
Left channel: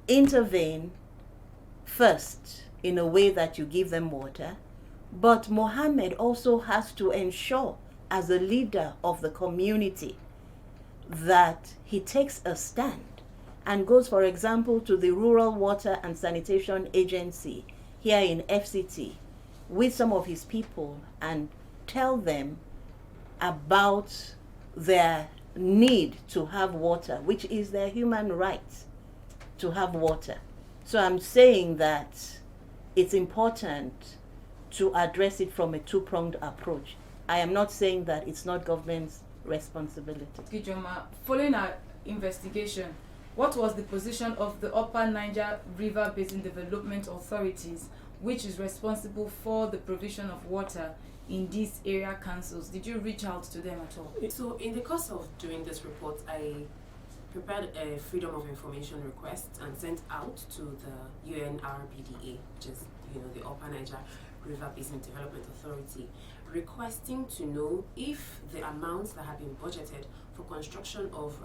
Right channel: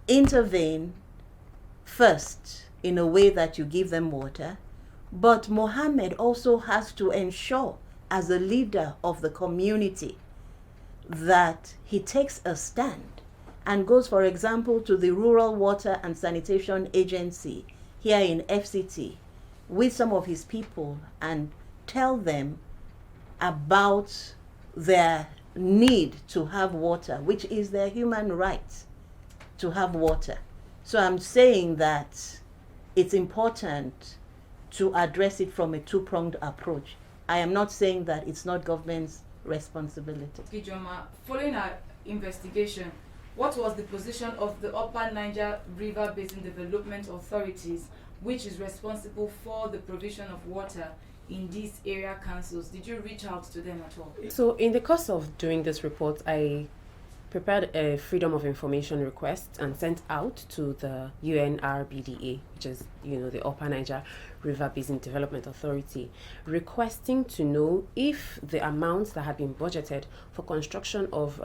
Intervene first in a way that you give them water, but Mohammed also has to ensure, as a leader of the community, that he takes a stand and goes, for example, to the Rural Water and Sanitation Agency here in FCT with some of his people and tell them about their need to have water, which is their human right to have water. So I'm saying that it's important to address it from a two-pronged approach. I am not saying that it's not government's responsibility. Gijoma, following our investigation, what was the position of the Upper Niger River Basin Development Authorities, which is responsible for the provision of water in these area councils? Did you reach out to them at all? So in the course of doing this report, I prepared a Freedom of Information request and sent out to the UNRBDA, which is, the Upper Niger River Basin Development Authority, requesting to know if the amounts that have been budgeted for construction of,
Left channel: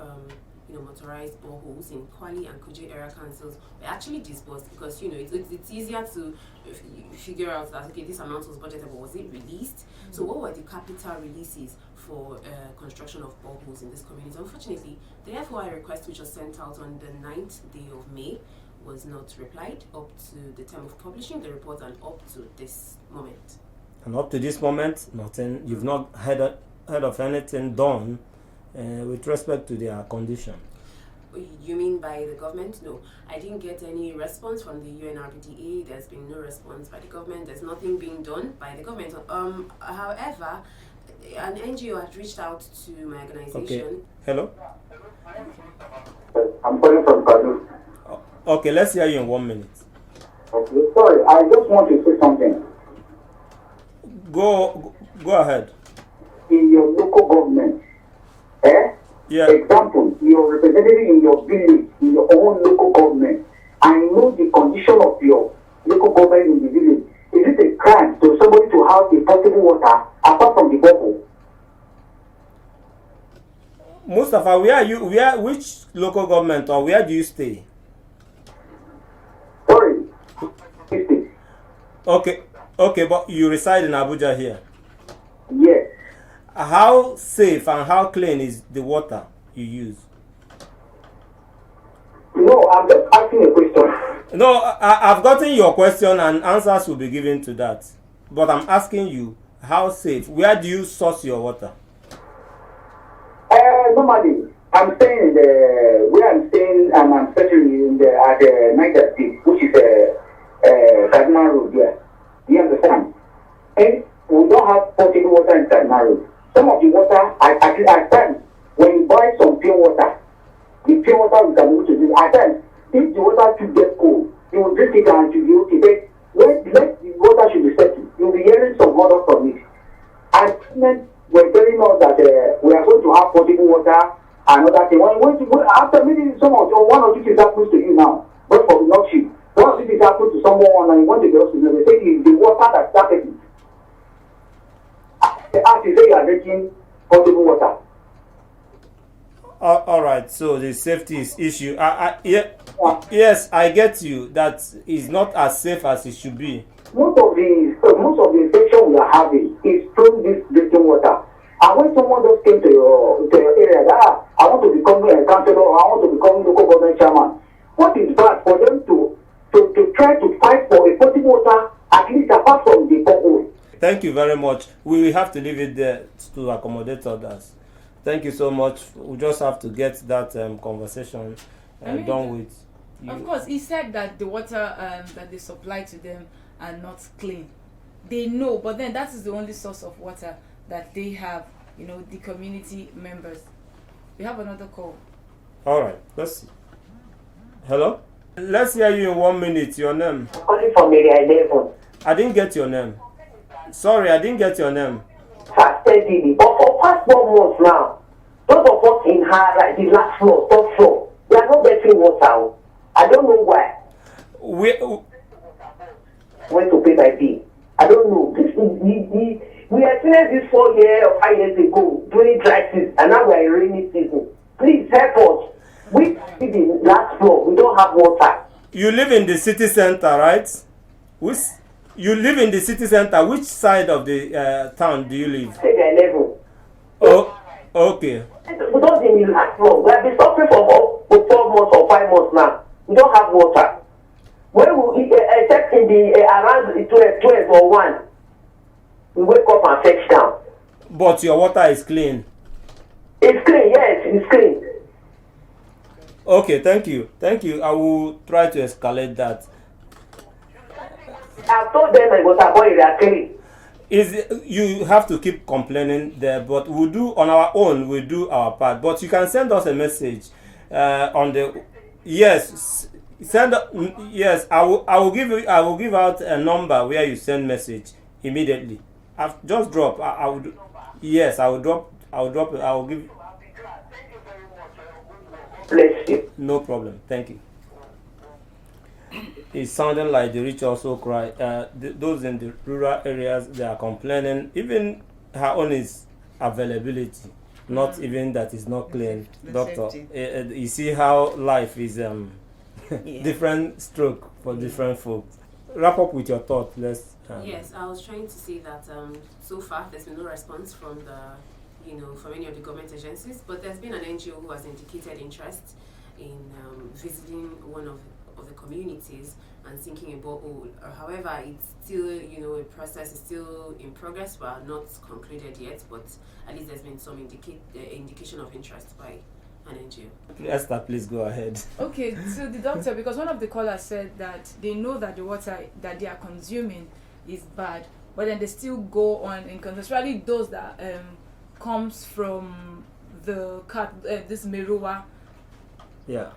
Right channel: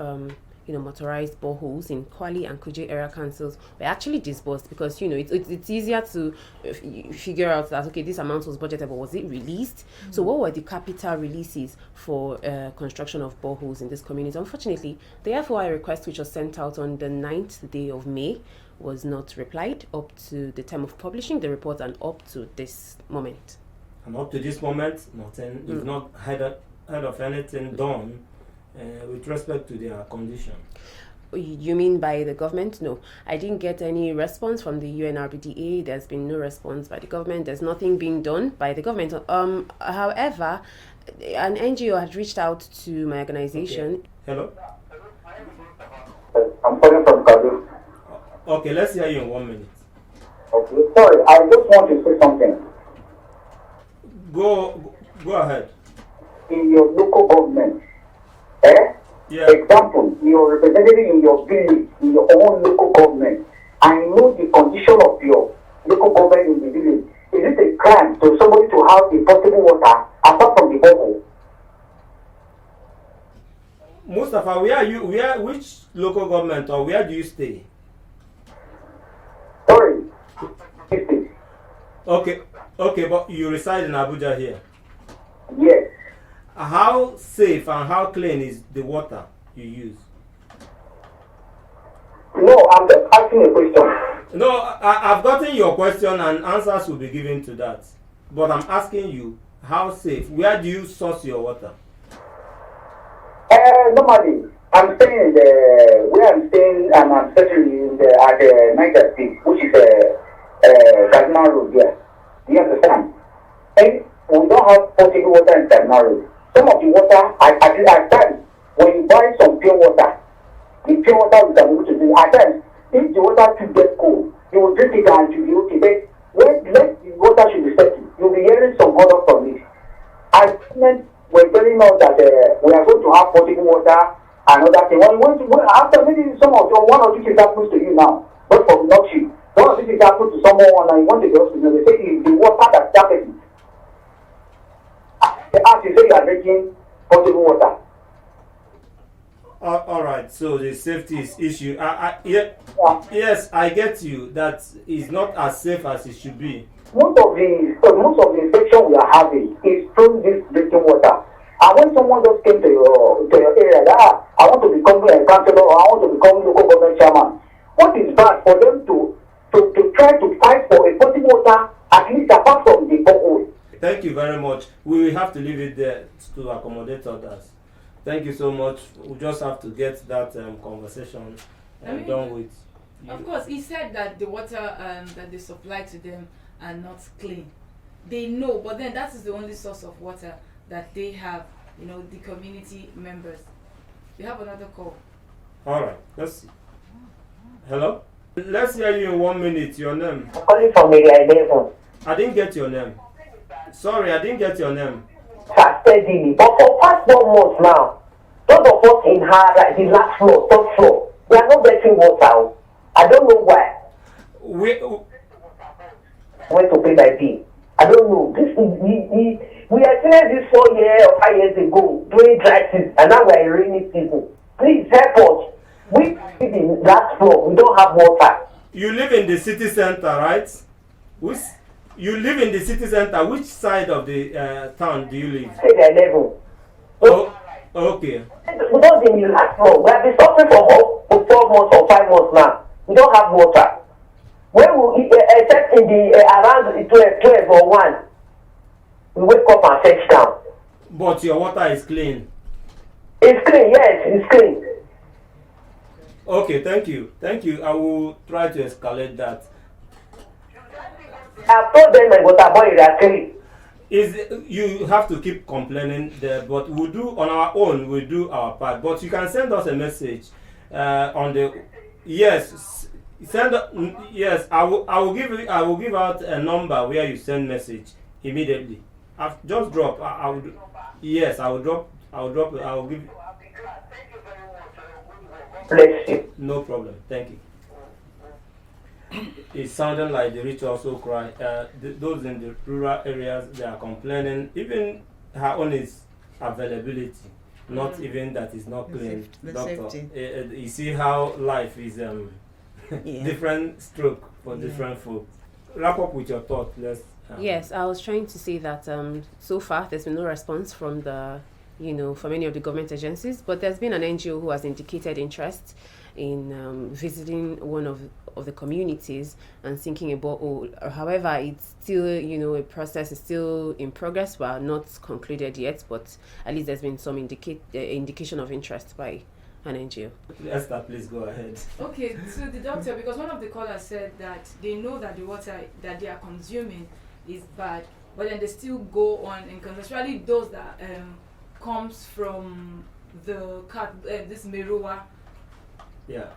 motorized boreholes in Kwali and Kuje area councils were actually disbursed, because it's easier to figure out that, okay, this amount was budgeted, but was it released? So what were the capital releases for construction of boreholes in this community? Unfortunately, the FOI request, which was sent out on the 9th day of May, was not replied up to the time of publishing the report and up to this moment. And up to this moment, nothing. You've not heard of anything done with respect to their condition. You mean by the government? No, I didn't get any response from the UNRBDA. There's been no response by the government. There's nothing being done by the government. However, an NGO had reached out to my organization. Okay. Hello? I'm calling from Kadu. Okay, let's hear you in 1 minute. Okay, sorry, I just want to say something. Go ahead. In your local government, Yeah. example, you're representative in your village, in your own local government, and know the condition of your local government in the village. Is it a crime to somebody to have a potable water apart from the borehole? Mustafa, which local government or where do you stay? Sorry. Okay, but you reside in Abuja here. Yes. How safe and how clean is the water you use? No, I'm just asking a question. No, I've gotten your question and answers will be given to that. But I'm asking you, how safe? Where do you source your water? Normally, I'm staying where I'm staying, and I'm settling at the Niger State, which is Kaduna Road. Yes, do you understand? And we don't have potable water in Kaduna Road. Some of the water, at times, when you buy some pure water, the pure water is able to do. At times, if the water should get cold, you will drink it and you will be okay. But when the water should be settled, you'll be hearing some odor from it. And we're telling us that we are going to have potable water and other things. After maybe one or two things happens to you now, but for not you. One or two things happens to someone and you want to go to hospital, they say it's the water that's happening. As you say, you are drinking potable water. All right, so the safety is issue. Yes, I get you. That is not as safe as it should be. Most of the infection we are having is from this drinking water. And when someone just came to your area, that I want to become a councillor or I want to become local government chairman, what is bad for them to try to fight for a potable water, at least apart from the borehole? Thank you very much. We will have to leave it there to accommodate others. Thank you so much. We just have to get that conversation done with. Of course, he said that the water that they supply to them are not clean. They know, but then that is the only source of water that they have, the community members. We have another call. All right, let's see. Hello? Let's hear you in 1 minute. Your name? I'm calling from area 11. I didn't get your name. Sorry, I didn't get your name. Steadily. But for past 1 month now, those of us in the last floor, top floor, they are not getting water. I don't know why. When to pay my bill. I don't know. We experienced this 4 years or 5 years ago during dry season, and now we are in rainy season. Please help us. We live in last floor. We don't have water. You live in the city center, right? You live in the city center. Which side of the town do you live? Area 11. Oh, okay. We don't live in the last floor. We have been suffering for 12 months or 5 months now. We don't have water. When we except in the around 12 or 1, we wake up and fetch down. But your water is clean. It's clean, yes, it's clean. Okay, thank you. I will try to escalate that. I've told them my water boy they are clean. You have to keep complaining there, but we'll do on our own. We'll do our part. But you can send us a message on the yes. Yes, I will give out a number where you send message immediately. I've just drop. I will do. Yes, I will drop. I will give. Bless you. No problem. Thank you. It's sounding like the rich also cry. Those in the rural areas, they are complaining. Even her own is availability. not even that is not clean. The Doctor, safety. You see how life is Yeah. different stroke for different folks. Wrap up with your thought. Let's. Yes, I was trying to say that so far there's been no response from from any of the government agencies, but there's been an NGO who has indicated interest in visiting one of the communities and thinking about however, it's still a process is still in progress, but not concluded yet, but at least there's been some indication of interest by an NGO. Esther, please go ahead. Okay, so the doctor, because one of the callers said that they know that the water that they are consuming is bad, but then they still go on and especially those that comes from this Merua. Yeah.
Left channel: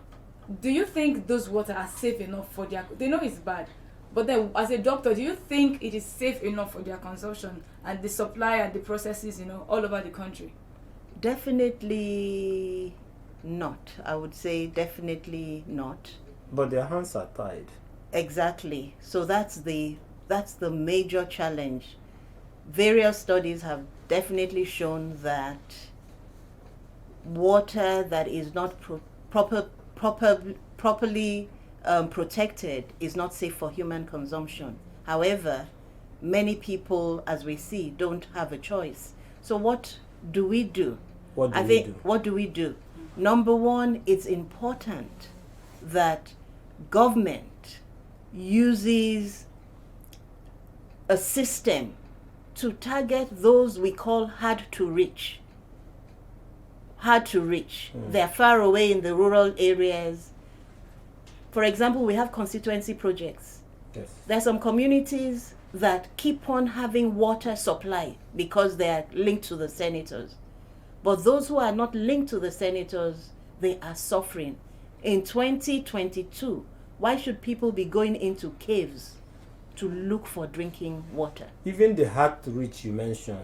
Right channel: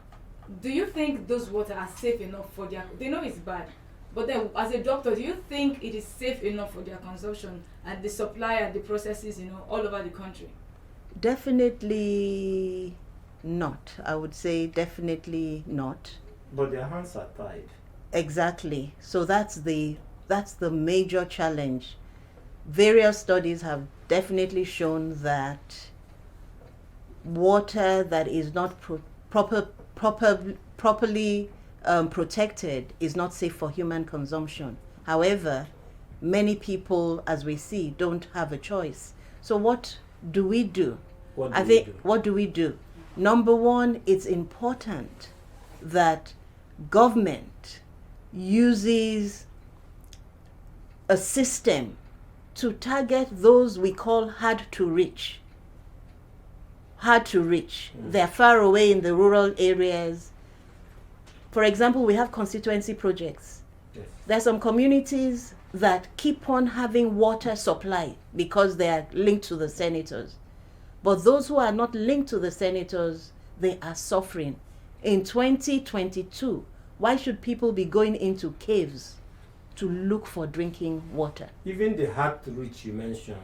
Do you think those water are safe enough for their? They know it's bad, but then as a doctor, do you think it is safe enough for their consumption and the supply and the processes, all over the country? Definitely not. I would say definitely not. But their hands are tied. Exactly. So that's the major challenge. Various studies have definitely shown that water that is not properly protected is not safe for human consumption. However, many people, as we see, don't have a choice. So what do we do? What do we do? Number one, it's important that government uses a system to target those we call hard to reach. They're far away in the rural areas. For example, we have constituency projects. Yes. There are some communities that keep on having water supply because they are linked to the senators. But those who are not linked to the senators, they are suffering. In 2022, why should people be going into caves to look for drinking water? Even the hard to reach you mentioned,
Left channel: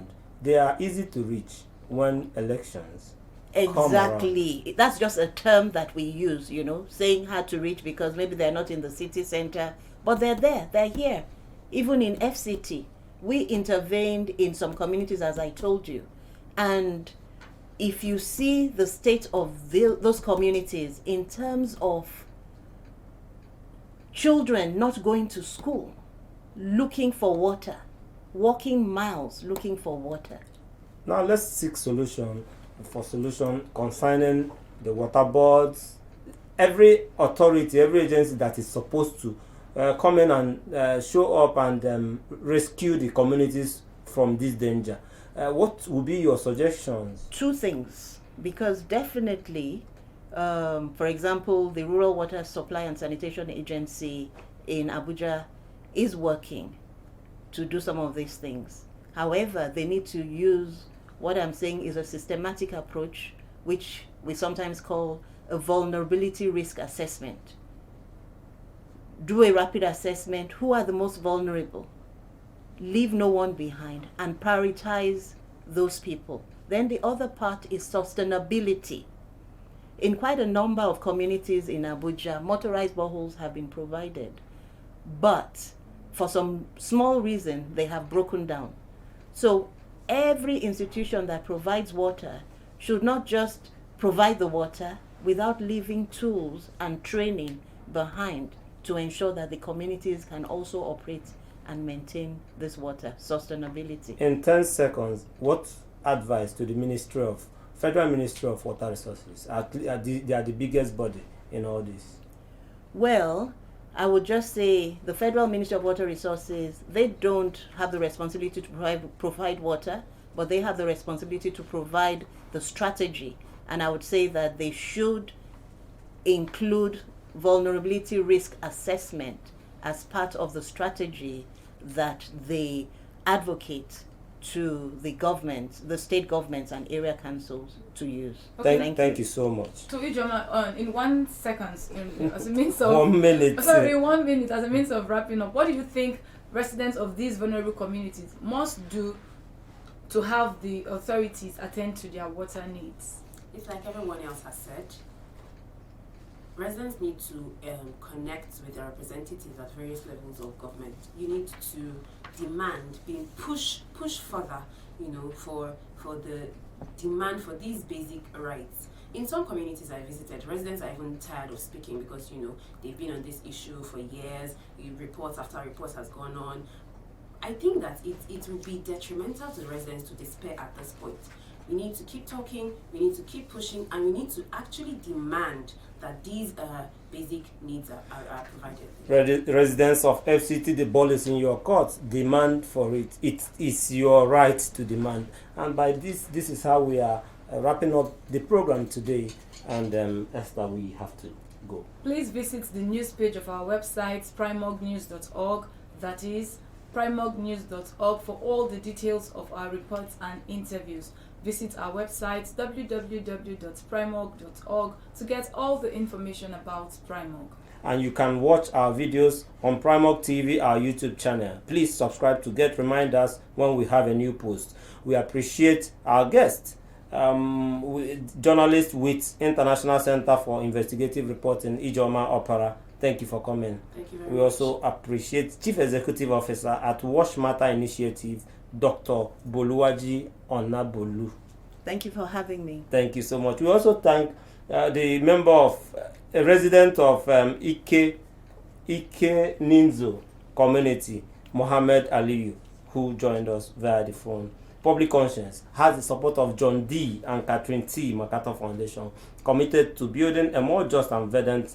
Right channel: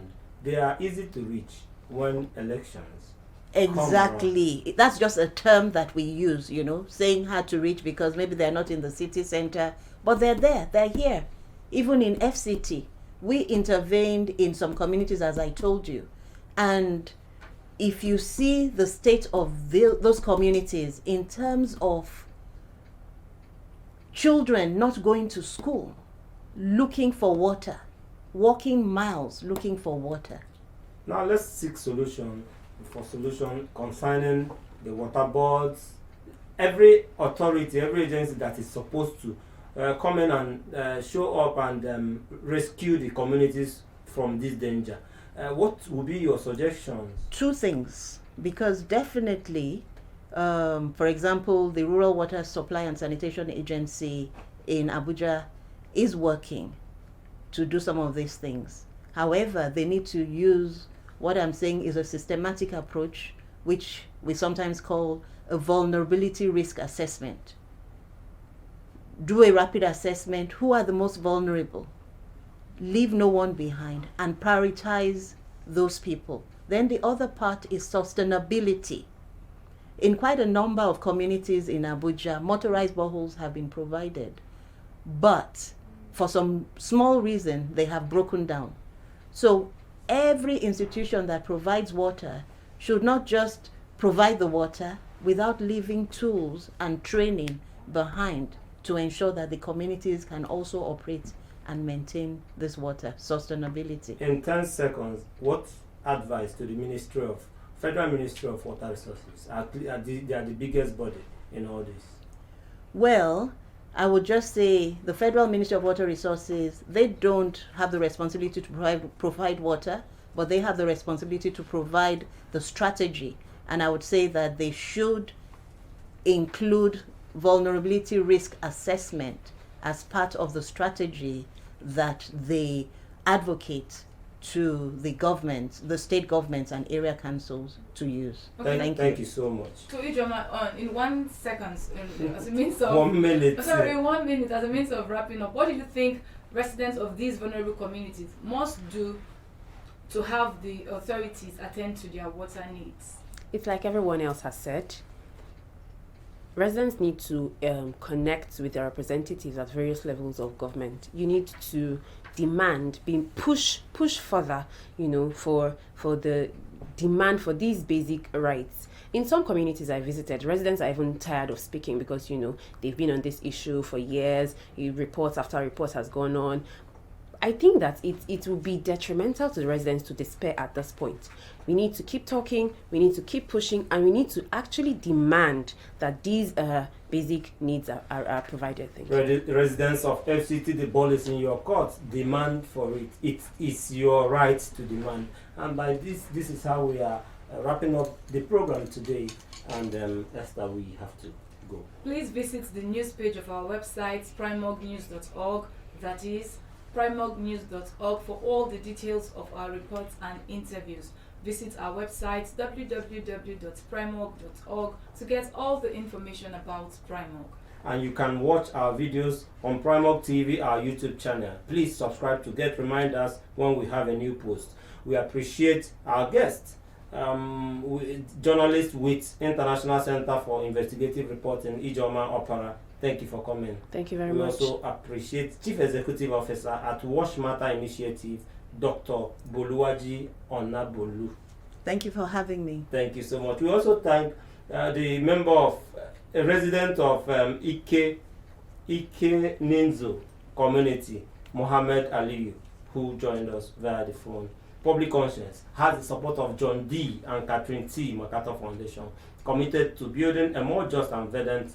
they are easy to reach when elections. Exactly. That's just a term that we use, saying hard to reach because maybe they're not in the city center, but they're there, they're here. Even in FCT, we intervened in some communities, as I told you. And if you see the state of those communities in terms of children not going to school, looking for water, walking miles looking for water. Now let's seek solution concerning the water boards, every authority, every agency that is supposed to come in and show up and rescue the communities from this danger. What would be your suggestions? Two things, because definitely, for example, the Rural Water Supply and Sanitation Agency in Abuja is working to do some of these things. However, they need to use what I'm saying is a systematic approach, which we sometimes call a vulnerability risk assessment. Do a rapid assessment. Who are the most vulnerable? Leave no one behind and prioritize those people. Then the other part is sustainability. In quite a number of communities in Abuja, motorized boreholes have been provided, but for some small reason, they have broken down. So every institution that provides water should not just provide the water without leaving tools and training behind to ensure that the communities can also operate and maintain this water sustainability. In 10 seconds, what advice to the Federal Ministry of Water Resources? They are the biggest body in all this. Well, I would just say the Federal Ministry of Water Resources, they don't have the responsibility to provide water, but they have the responsibility to provide the strategy. And I would say that they should include vulnerability risk assessment as part of the strategy that they advocate to the government, the state governments and area councils to use. Okay. Thank you so much. To Ijoma, in 1 second, as a means of 1 minute. Sorry, 1 minute as a means of wrapping up. What do you think residents of these vulnerable communities must do to have the authorities attend to their water needs? It's like everyone else has said. Residents need to connect with their representatives at various levels of government. You need to demand, being pushed further, for the demand for these basic rights. In some communities I visited, residents are even tired of speaking because, they've been on this issue for years. Reports after reports has gone on. I think that it will be detrimental to the residents to despair at this point. We need to keep talking, we need to keep pushing, and we need to actually demand that these basic needs are provided. Residents of FCT, the ball is in your court. Demand for it. It is your right to demand. And by this is how we are wrapping up the program today. And Esther, we have to go. Please visit the news page of our website, primognews.org. That is primognews.org for all the details of our reports and interviews. Visit our website www.primog.org to get all the information about Primog. And you can watch our videos on Primog TV, our YouTube channel. Please subscribe to get reminders when we have a new post. We appreciate our guest, journalist with International Center for Investigative Reporting, Ijoma Opara. Thank you for coming. Thank you very much. We also appreciate Chief Executive Officer at Wash Matter Initiative, Dr. Boluwaji Onabolu. Thank you for having me. Thank you so much. We also thank the member of, a resident of Ike Ninzo community, Mohammed Aliyu, who joined us via the phone. Public Conscience has the support of John D. and Catherine T. MacArthur Foundation, committed to building a more just and verdant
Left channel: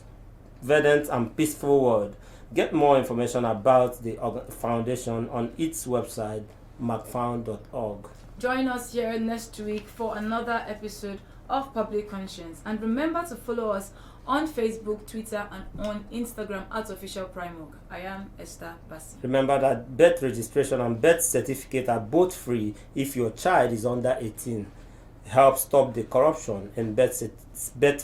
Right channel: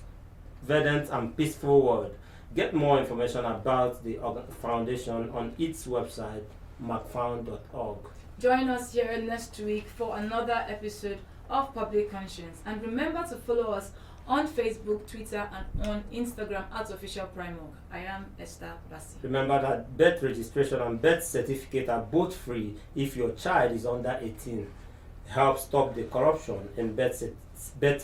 and peaceful world. Get more information about the foundation on its website, macfound.org. Join us here next week for another episode of Public Conscience. And remember to follow us on Facebook, Twitter, and on Instagram at Official Primog. I am Esther Bassi. Remember that birth registration and birth certificate are both free if your child is under 18. Help stop the corruption in birth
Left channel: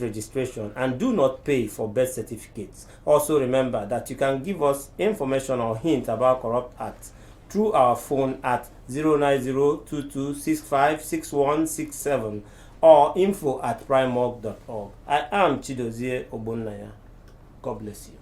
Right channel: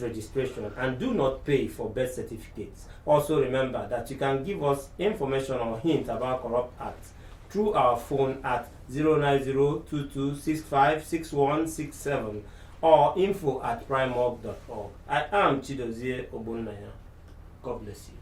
registration, and do not pay for birth certificates. Also remember that you can give us information or hints about corrupt acts through our phone at 09022656167 or info@primog.org. I am Chidozie Ogbonnaya. God bless you.